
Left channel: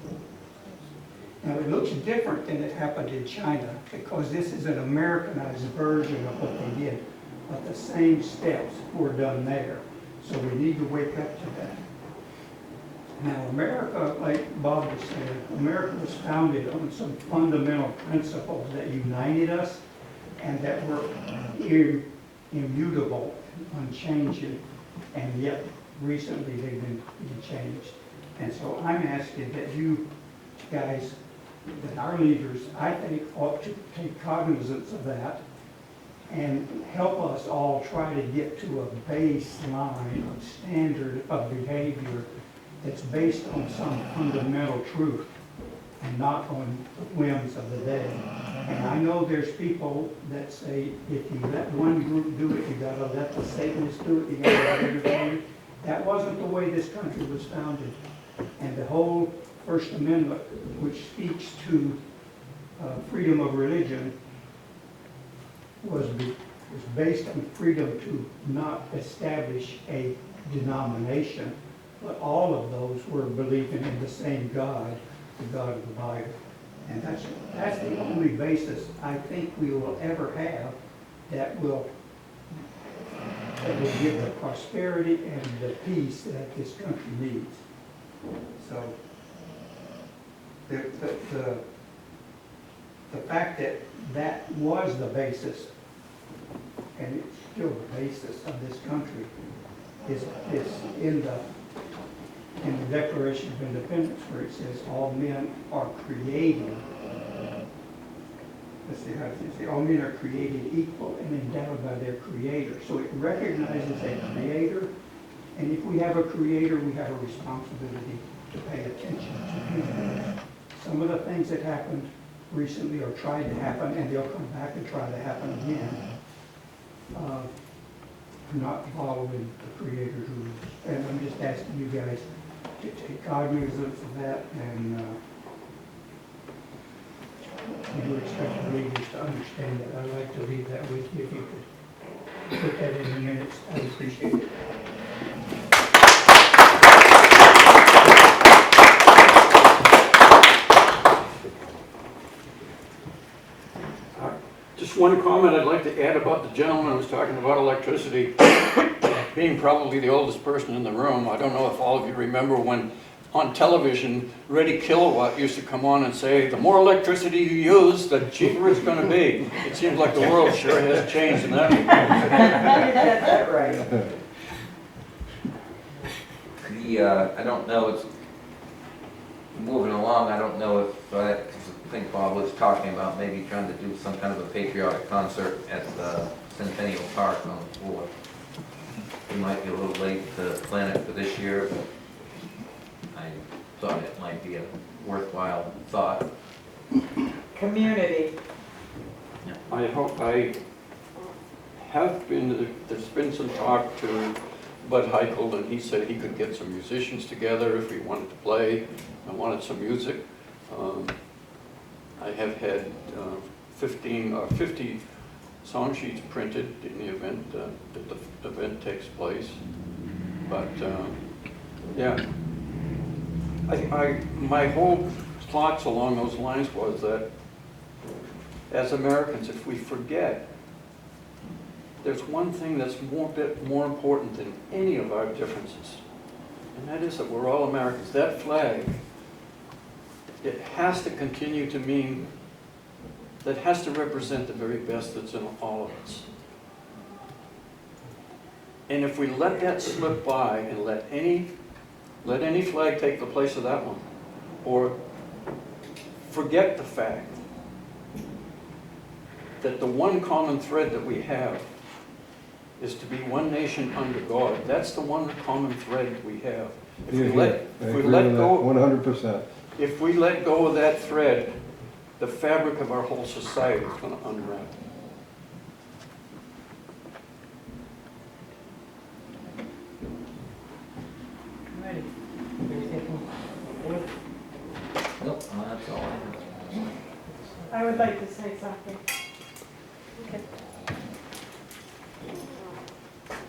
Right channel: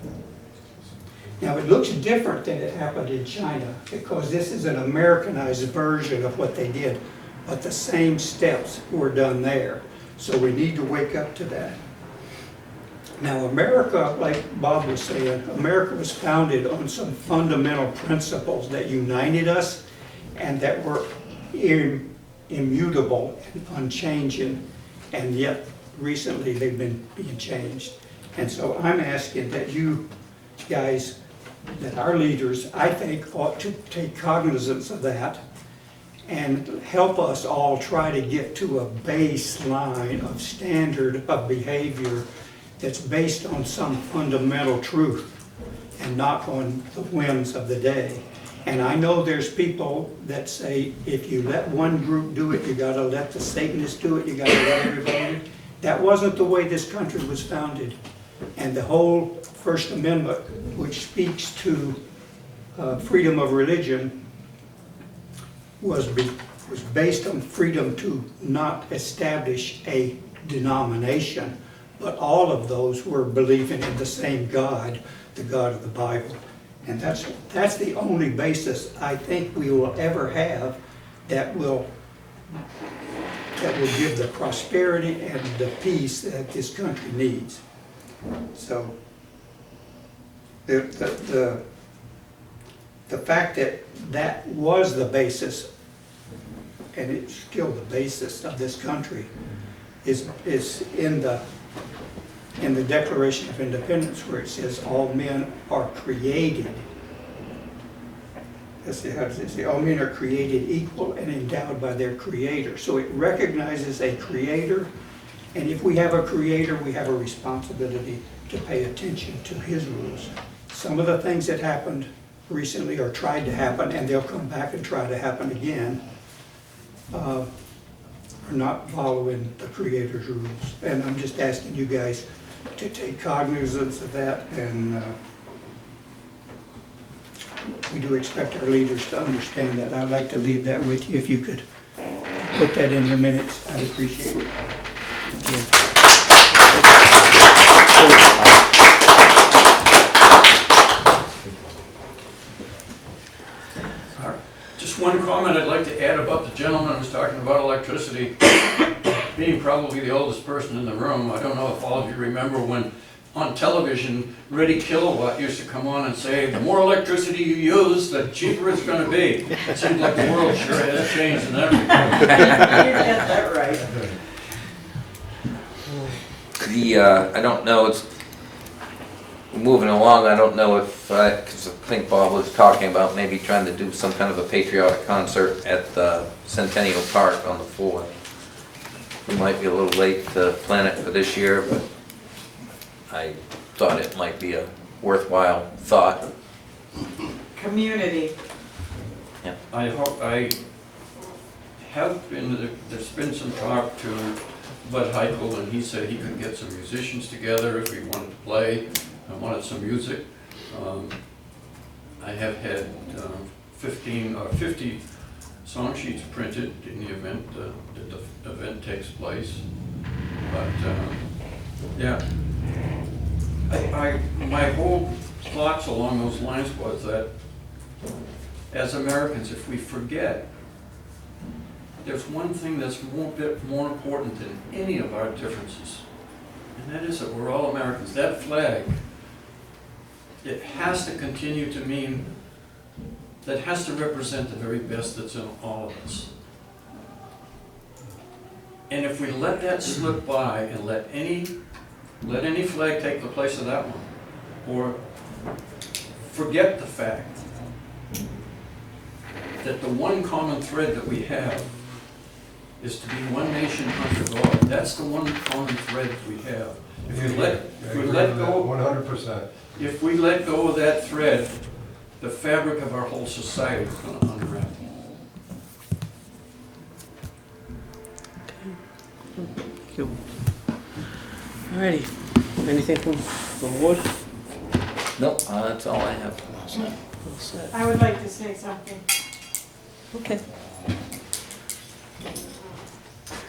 Now it looks different than it happened in China because this is an Americanized version of what they did, but the same steps were done there. So we need to wake up to that. Now America, like Bob was saying, America was founded on some fundamental principles that united us and that were immutable and unchanging, and yet recently they've been being changed. And so I'm asking that you guys, that our leaders, I think, ought to take cognizance of that and help us all try to get to a baseline of standard of behavior that's based on some fundamental truth and not on the whims of the day. And I know there's people that say, if you let one group do it, you gotta let the Satanists do it, you gotta let everybody. That wasn't the way this country was founded. And the whole First Amendment, which speaks to freedom of religion, was based on freedom to not establish a denomination, but all of those were believing in the same God, the God of the Bible. And that's the only basis I think we will ever have that will give the prosperity and the peace that this country needs. So the fact that that was the basis, and it's still the basis of this country, is in the Declaration of Independence, where it says all men are created. How does it say? All men are created equal and endowed by their Creator. So it recognizes a Creator, and if we have a Creator, we have a responsibility to pay attention to His rules. Some of the things that happened recently or tried to happen, and they'll come back and try to happen again, are not following the Creator's rules. And I'm just asking you guys to take cognizance of that, and we do expect our leaders to understand that. I'd like to leave that with you. If you could put that in your minutes, I'd appreciate it. Just one comment I'd like to add about the gentleman who's talking about electricity. Being probably the oldest person in the room, I don't know if all of you remember when on television, Ready Kilowatt used to come on and say, the more electricity you use, the cheaper it's going to be. It seems like the world sure has changed in that regard. You get that right. I don't know, it's moving along, I don't know if, 'cause I think Bob was talking about maybe trying to do some kind of a patriotic concert at the Centennial Park on the floor. We might be a little late to plan it for this year, but I thought it might be a worthwhile thought. Community. I have been, there's been some talk to Bud Heichel, and he said he could get some musicians together if we wanted to play. I wanted some music. I have had 15 or 50 song sheets printed in the event that the event takes place. But yeah, my whole thoughts along those lines was that as Americans, if we forget there's one thing that's bit more important than any of our differences. And that is that we're all Americans. That flag, it has to continue to mean, that has to represent the very best that's in all of us. And if we let that slip by and let any flag take the place of that one, or forget the fact that the one common thread that we have is to be one nation under God. That's the one common thread that we have. If we let go, 100%. if we let go of that thread, the fabric of our whole society is going to unravel. Alrighty, anything from the board? No, that's all I have. I would like to say something. Okay.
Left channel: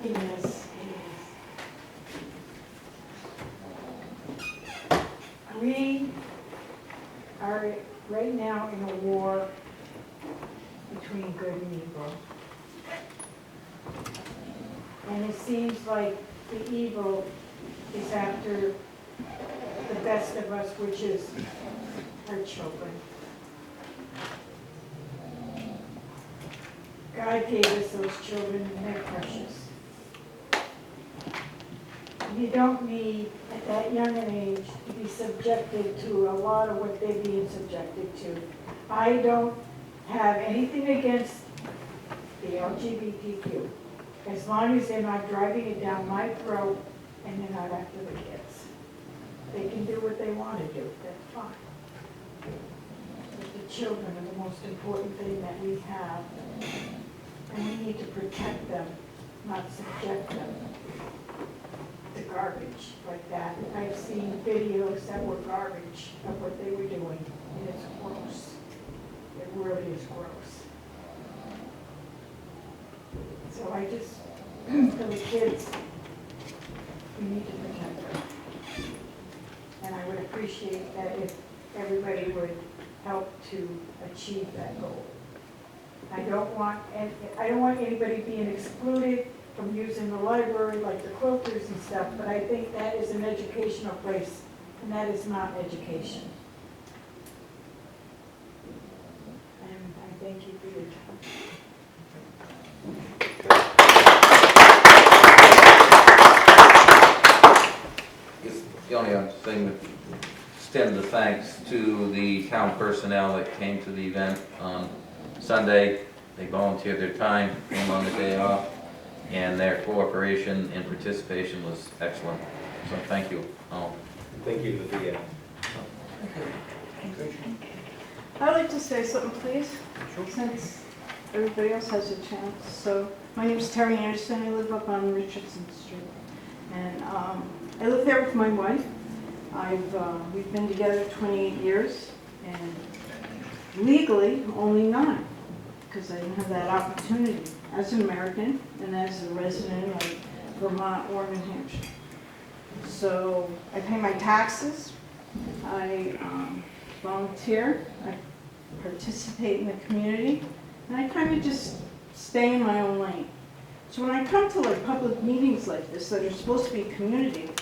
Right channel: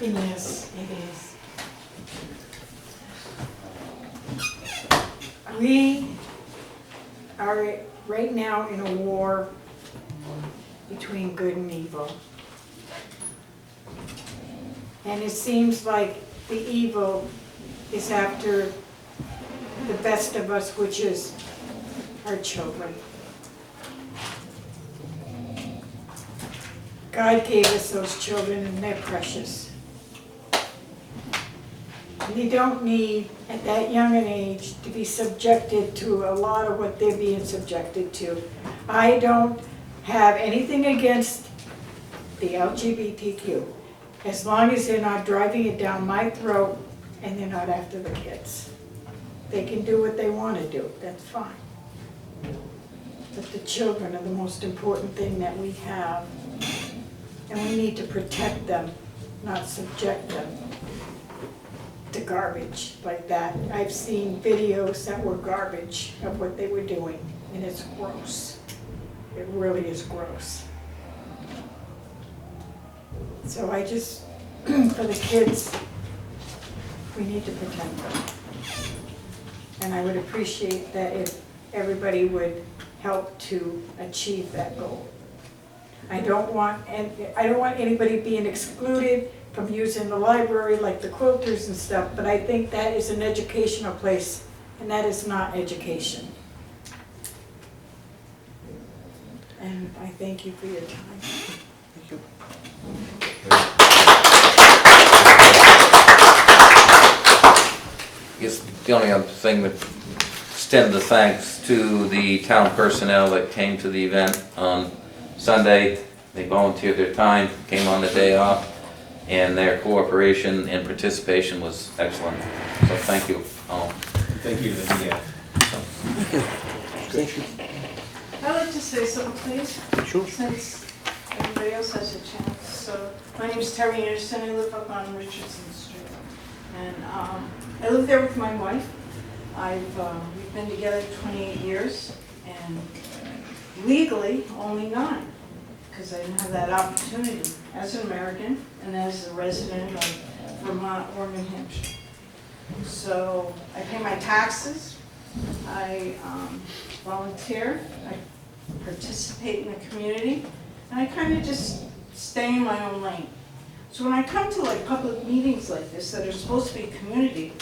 It is. We are right now in a war between good and evil. And it seems like the evil is after the best of us, which is our children. God gave us those children and they're precious. They don't need, at that young an age, to be subjected to a lot of what they're being subjected to. I don't have anything against the LGBTQ, as long as they're not driving it down my throat and they're not after the kids. They can do what they want to do, that's fine. But the children are the most important thing that we have, and we need to protect them, not subject them to garbage like that. I've seen videos that were garbage of what they were doing, and it's gross. It really is gross. So I just, for the kids, we need to protect them. And I would appreciate that if everybody would help to achieve that goal. I don't want anybody being excluded from using the library like the quilters and stuff, but I think that is an educational place, and that is not education. And I thank you for your time. I guess the only other thing would extend the thanks to the town personnel that came to the event on Sunday. They volunteered their time, came on the day off, and their cooperation and participation was excellent. So thank you all. Thank you, Lydia. I'd like to say something, please. Sure. Since everybody else has a chance. So, my name is Terry Anderson. I live up on Richardson Street. And I live there with my wife. We've been together 28 years, and legally, only 9, because I didn't have that opportunity as an American and as a resident of Vermont or New Hampshire. So, I pay my taxes. I volunteer. I participate in the community, and I kind of just stay in my own lane. So when I come to like public meetings like this that are supposed to be community,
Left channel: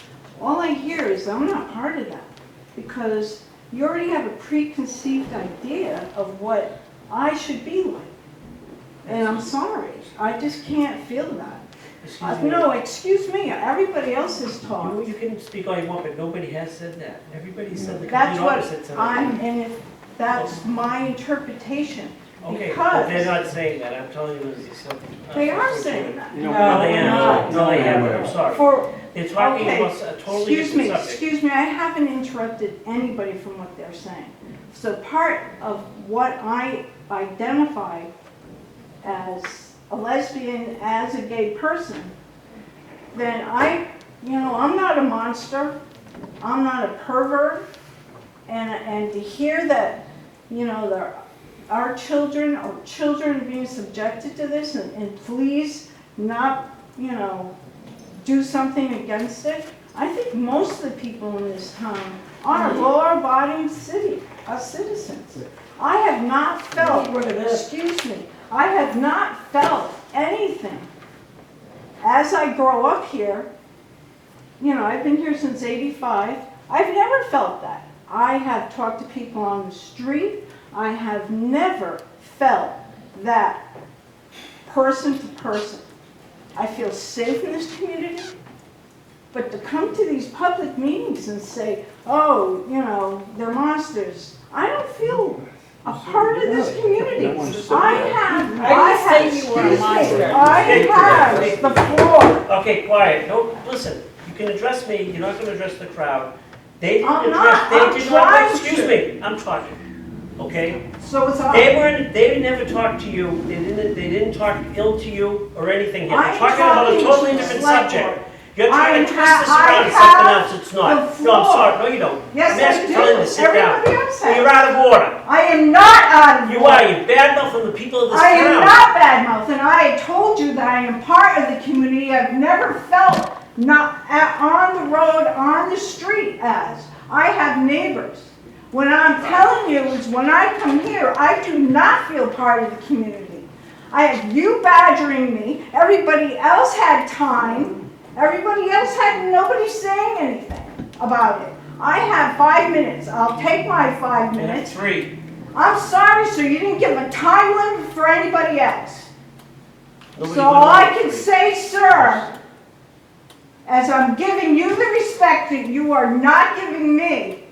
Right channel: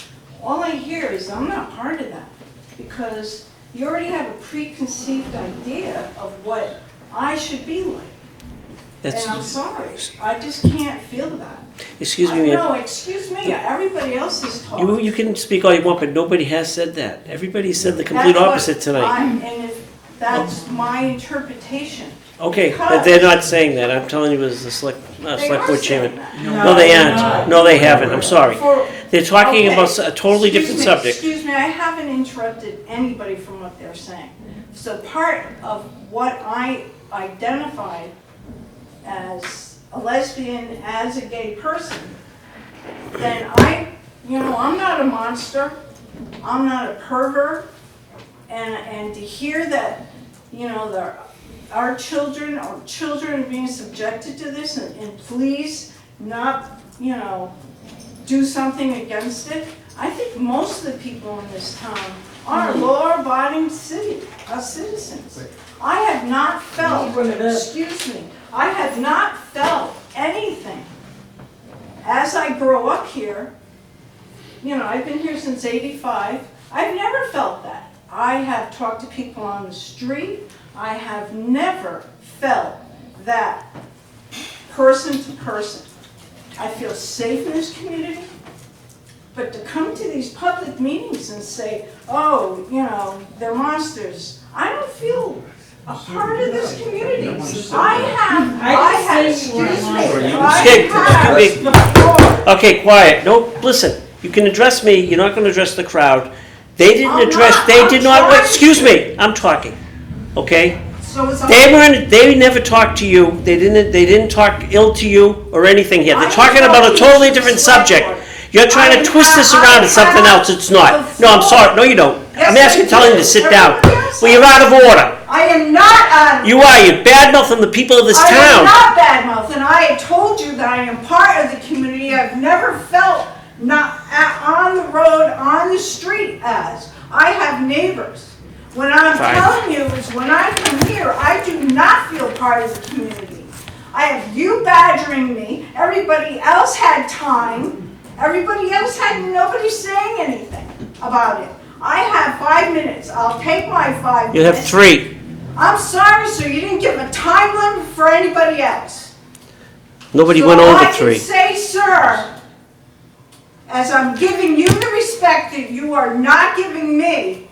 all I hear is I'm not part of that, because you already have a preconceived idea of what I should be like. And I'm sorry, I just can't feel that. Excuse me, ma'am. No, excuse me, everybody else is talking. You can speak all you want, but nobody has said that. Everybody said the complete opposite tonight. And if that's my interpretation. Okay, but they're not saying that. I'm telling you as the select board chairman. No, they aren't. No. No, they haven't. I'm sorry. They're talking Okay. about a totally different subject. Excuse me, I haven't interrupted anybody from what they're saying. So part of what I identified as a lesbian, as a gay person, then I'm not a monster, I'm not a pervert, and to hear that, our children or children are being subjected to this, and please not, do something against it. I think most of the people in this town are law-abiding citizens. I have not felt, excuse me, I have not felt anything, as I grow up here, you know, I've been here since '85, I've never felt that. I have talked to people on the street, I have never felt that person to person. I feel safe in this community, but to come to these public meetings and say, oh, you know, they're monsters, I don't feel a part of this community. I have, excuse me, I have the floor. Okay, quiet, no, listen, you can address me, you're not gonna address the crowd. They didn't I'm address, not, they I'm did not, trying excuse to. me, I'm talking, okay? So it's all. They never talked to you, they didn't talk ill to you or anything here. They're I'm talking about a talking totally to the different select subject. board. You're trying to twist this around to something else, it's not. No, I'm sorry, no you don't. Yes, I'm asking, I telling you do. to sit down. Everybody else Well, you're out of order. I am not out of. You are, you're bad-mouthing the people of this I am town. not badmouth, and I have told you that I am part of the community. I've never felt not on the road, on the street as. I have neighbors. When I'm Fine. telling you, is when I come here, I do not feel part of the community. I have you badgering me. Everybody else had time. Everybody else had nobody saying anything about it. I have 5 minutes. I'll take my 5 You minutes. have 3. I'm sorry, sir, you didn't give a time limit for anybody else. Nobody went over 3. So I can say, sir, as I'm giving you the respect that you are not giving me,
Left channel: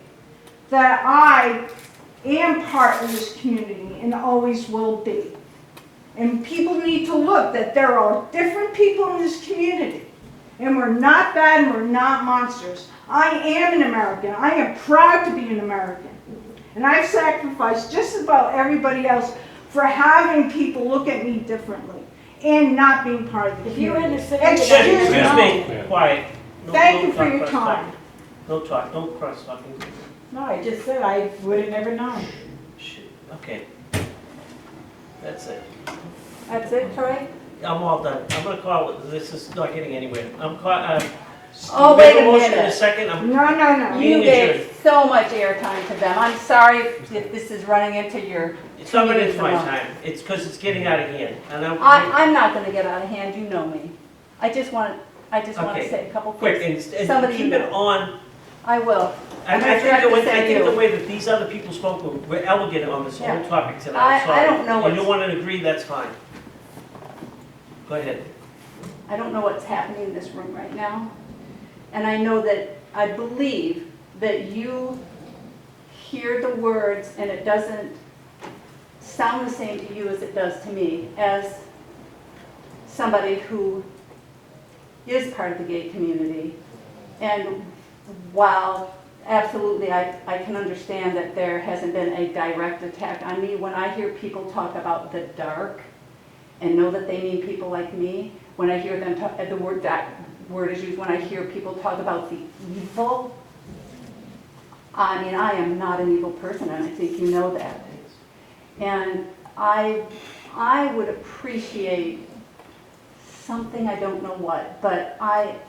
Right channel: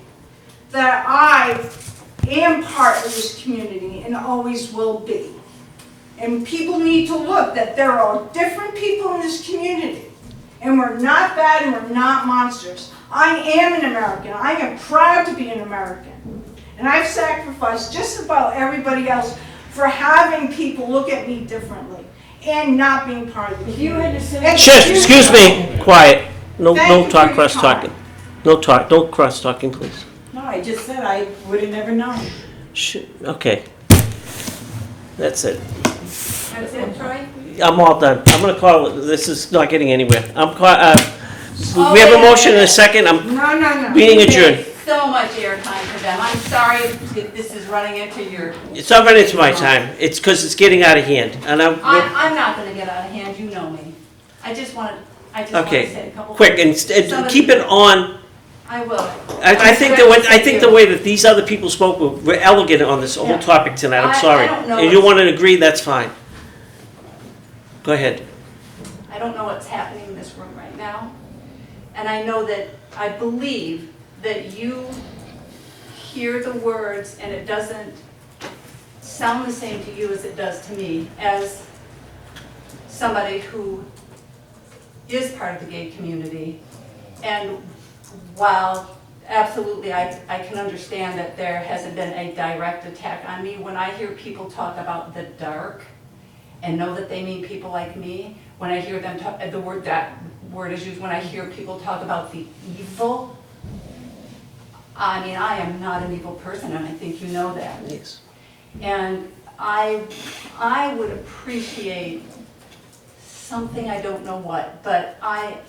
that I am part of this community and always will be. And people need to look that there are different people in this community. And we're not bad and we're not monsters. I am an American. I am proud to be an American. And I've sacrificed just about everybody else for having people look at me differently and not being part of the community. Shush, excuse me, quiet. No, Thank no you talk, for your cross-talking. No talk, no cross-talking, please. No, I just said I would have never known. Okay. That's it. That's it, Troy? I'm all done. I'm gonna call it, this is not getting anywhere. Oh, we have a wait a motion and a minute. second, I'm No. meeting You adjourned. gave so much airtime for them. I'm sorry if this is running into your. It's not running into my time. It's because it's getting out of hand, and I'm not gonna get out of hand, you know me. I just wanted to Okay, say a couple. quick, things. and keep it on. I will. I think the way that these other people spoke were elegant on this whole topic tonight, I'm I sorry. don't know If you what's- want to agree, that's fine. Go ahead. I don't know what's happening in this room right now. And I believe that you hear the words and it doesn't sound the same to you as it does to me, as somebody who is part of the gay community. And while absolutely I can understand that there hasn't been a direct attack on me, when I hear people talk about the dark and know that they mean people like me, when I hear them talk, that word is used, when I hear people talk about the evil, I mean, I am not an evil person, and I think you know that. Thanks. And I would appreciate something, I don't know what, but I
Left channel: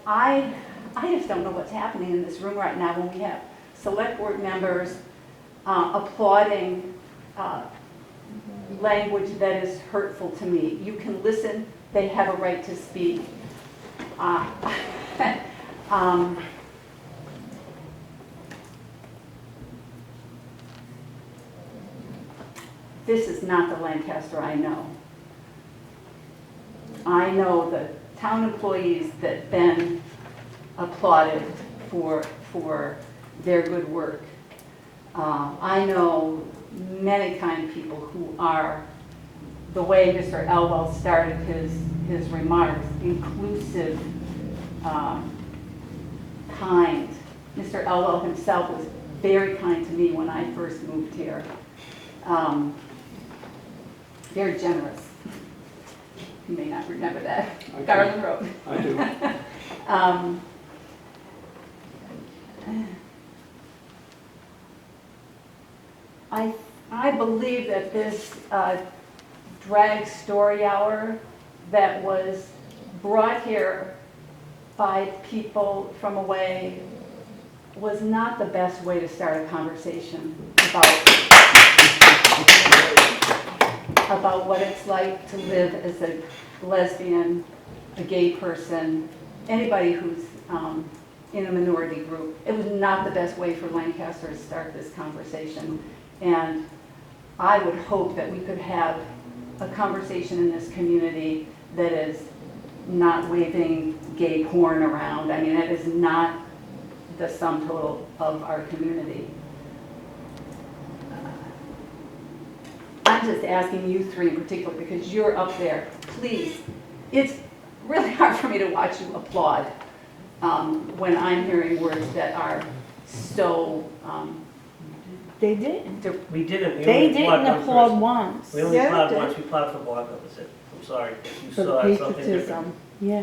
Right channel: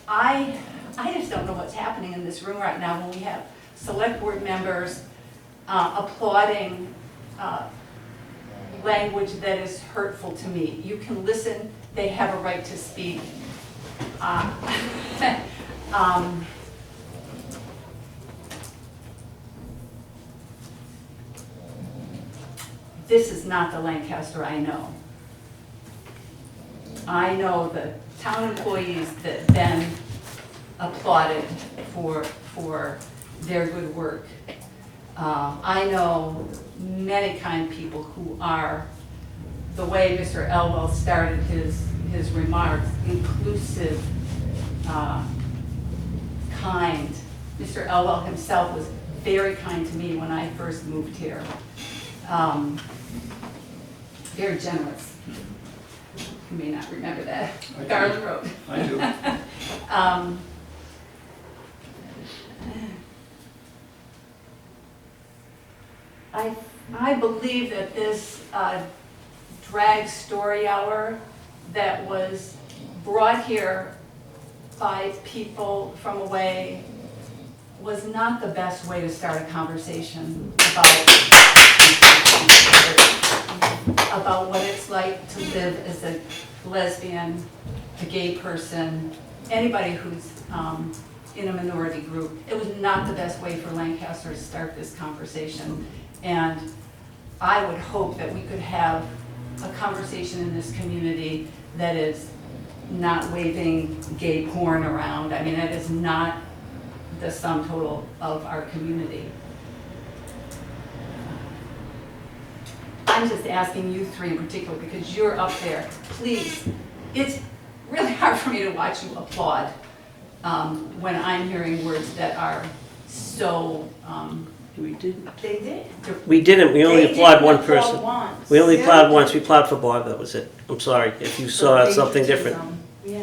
just don't know what's happening in this room right now when we have select board members applauding language that is hurtful to me. You can listen, they have a right to speak. This is not the Lancaster I know. I know the town employees that then applauded for their good work. I know many kind people who are, the way Mr. Elwell started his remarks, inclusive, kind. Mr. Elwell himself was very kind to me when I first moved here. Very generous. You may not remember that. Garland Road. I do. I believe that this drag story hour that was brought here by people from away was not the best way to start a conversation about about what it's like to live as a lesbian, a gay person, anybody who's in a minority group. It was not the best way for Lancaster to start this conversation. And I would hope that we could have a conversation in this community that is not waving gay porn around. I mean, it is not the sum total of our community. I'm just asking you three in particular, because you're up there, please. It's really hard for me to watch you applaud when I'm hearing words that are so, They didn't. We didn't, we only They applaud one didn't applaud person. once. We only Yeah. applauded once, we applauded for Bob, that was it. I'm sorry if you saw something different. Yeah.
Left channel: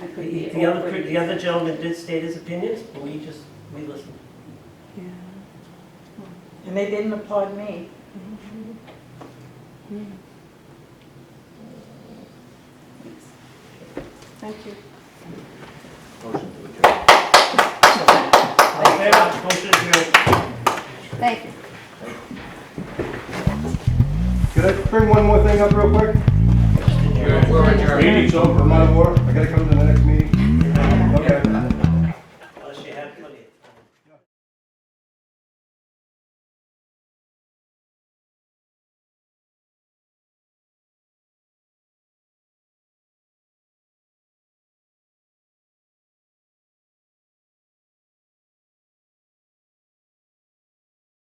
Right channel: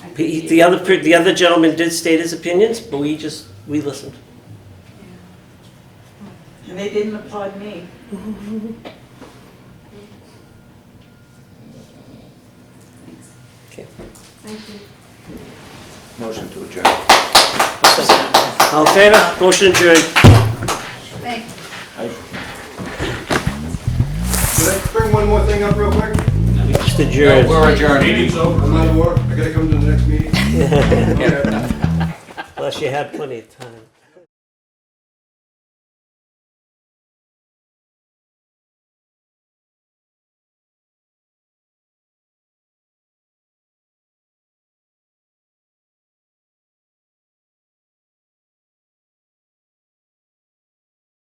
I appreciate The it. the other gentleman did state his opinions, but we listened. And they didn't applaud me. Okay. Thank you. Motion to adjourn. All in favor? Motion adjourned. Thanks. Can I bring one more thing up real quick? Just adjourned. We're adjourned. Meeting's over. I'm out of work, I gotta come to the next meeting. Okay. Unless you had plenty of time.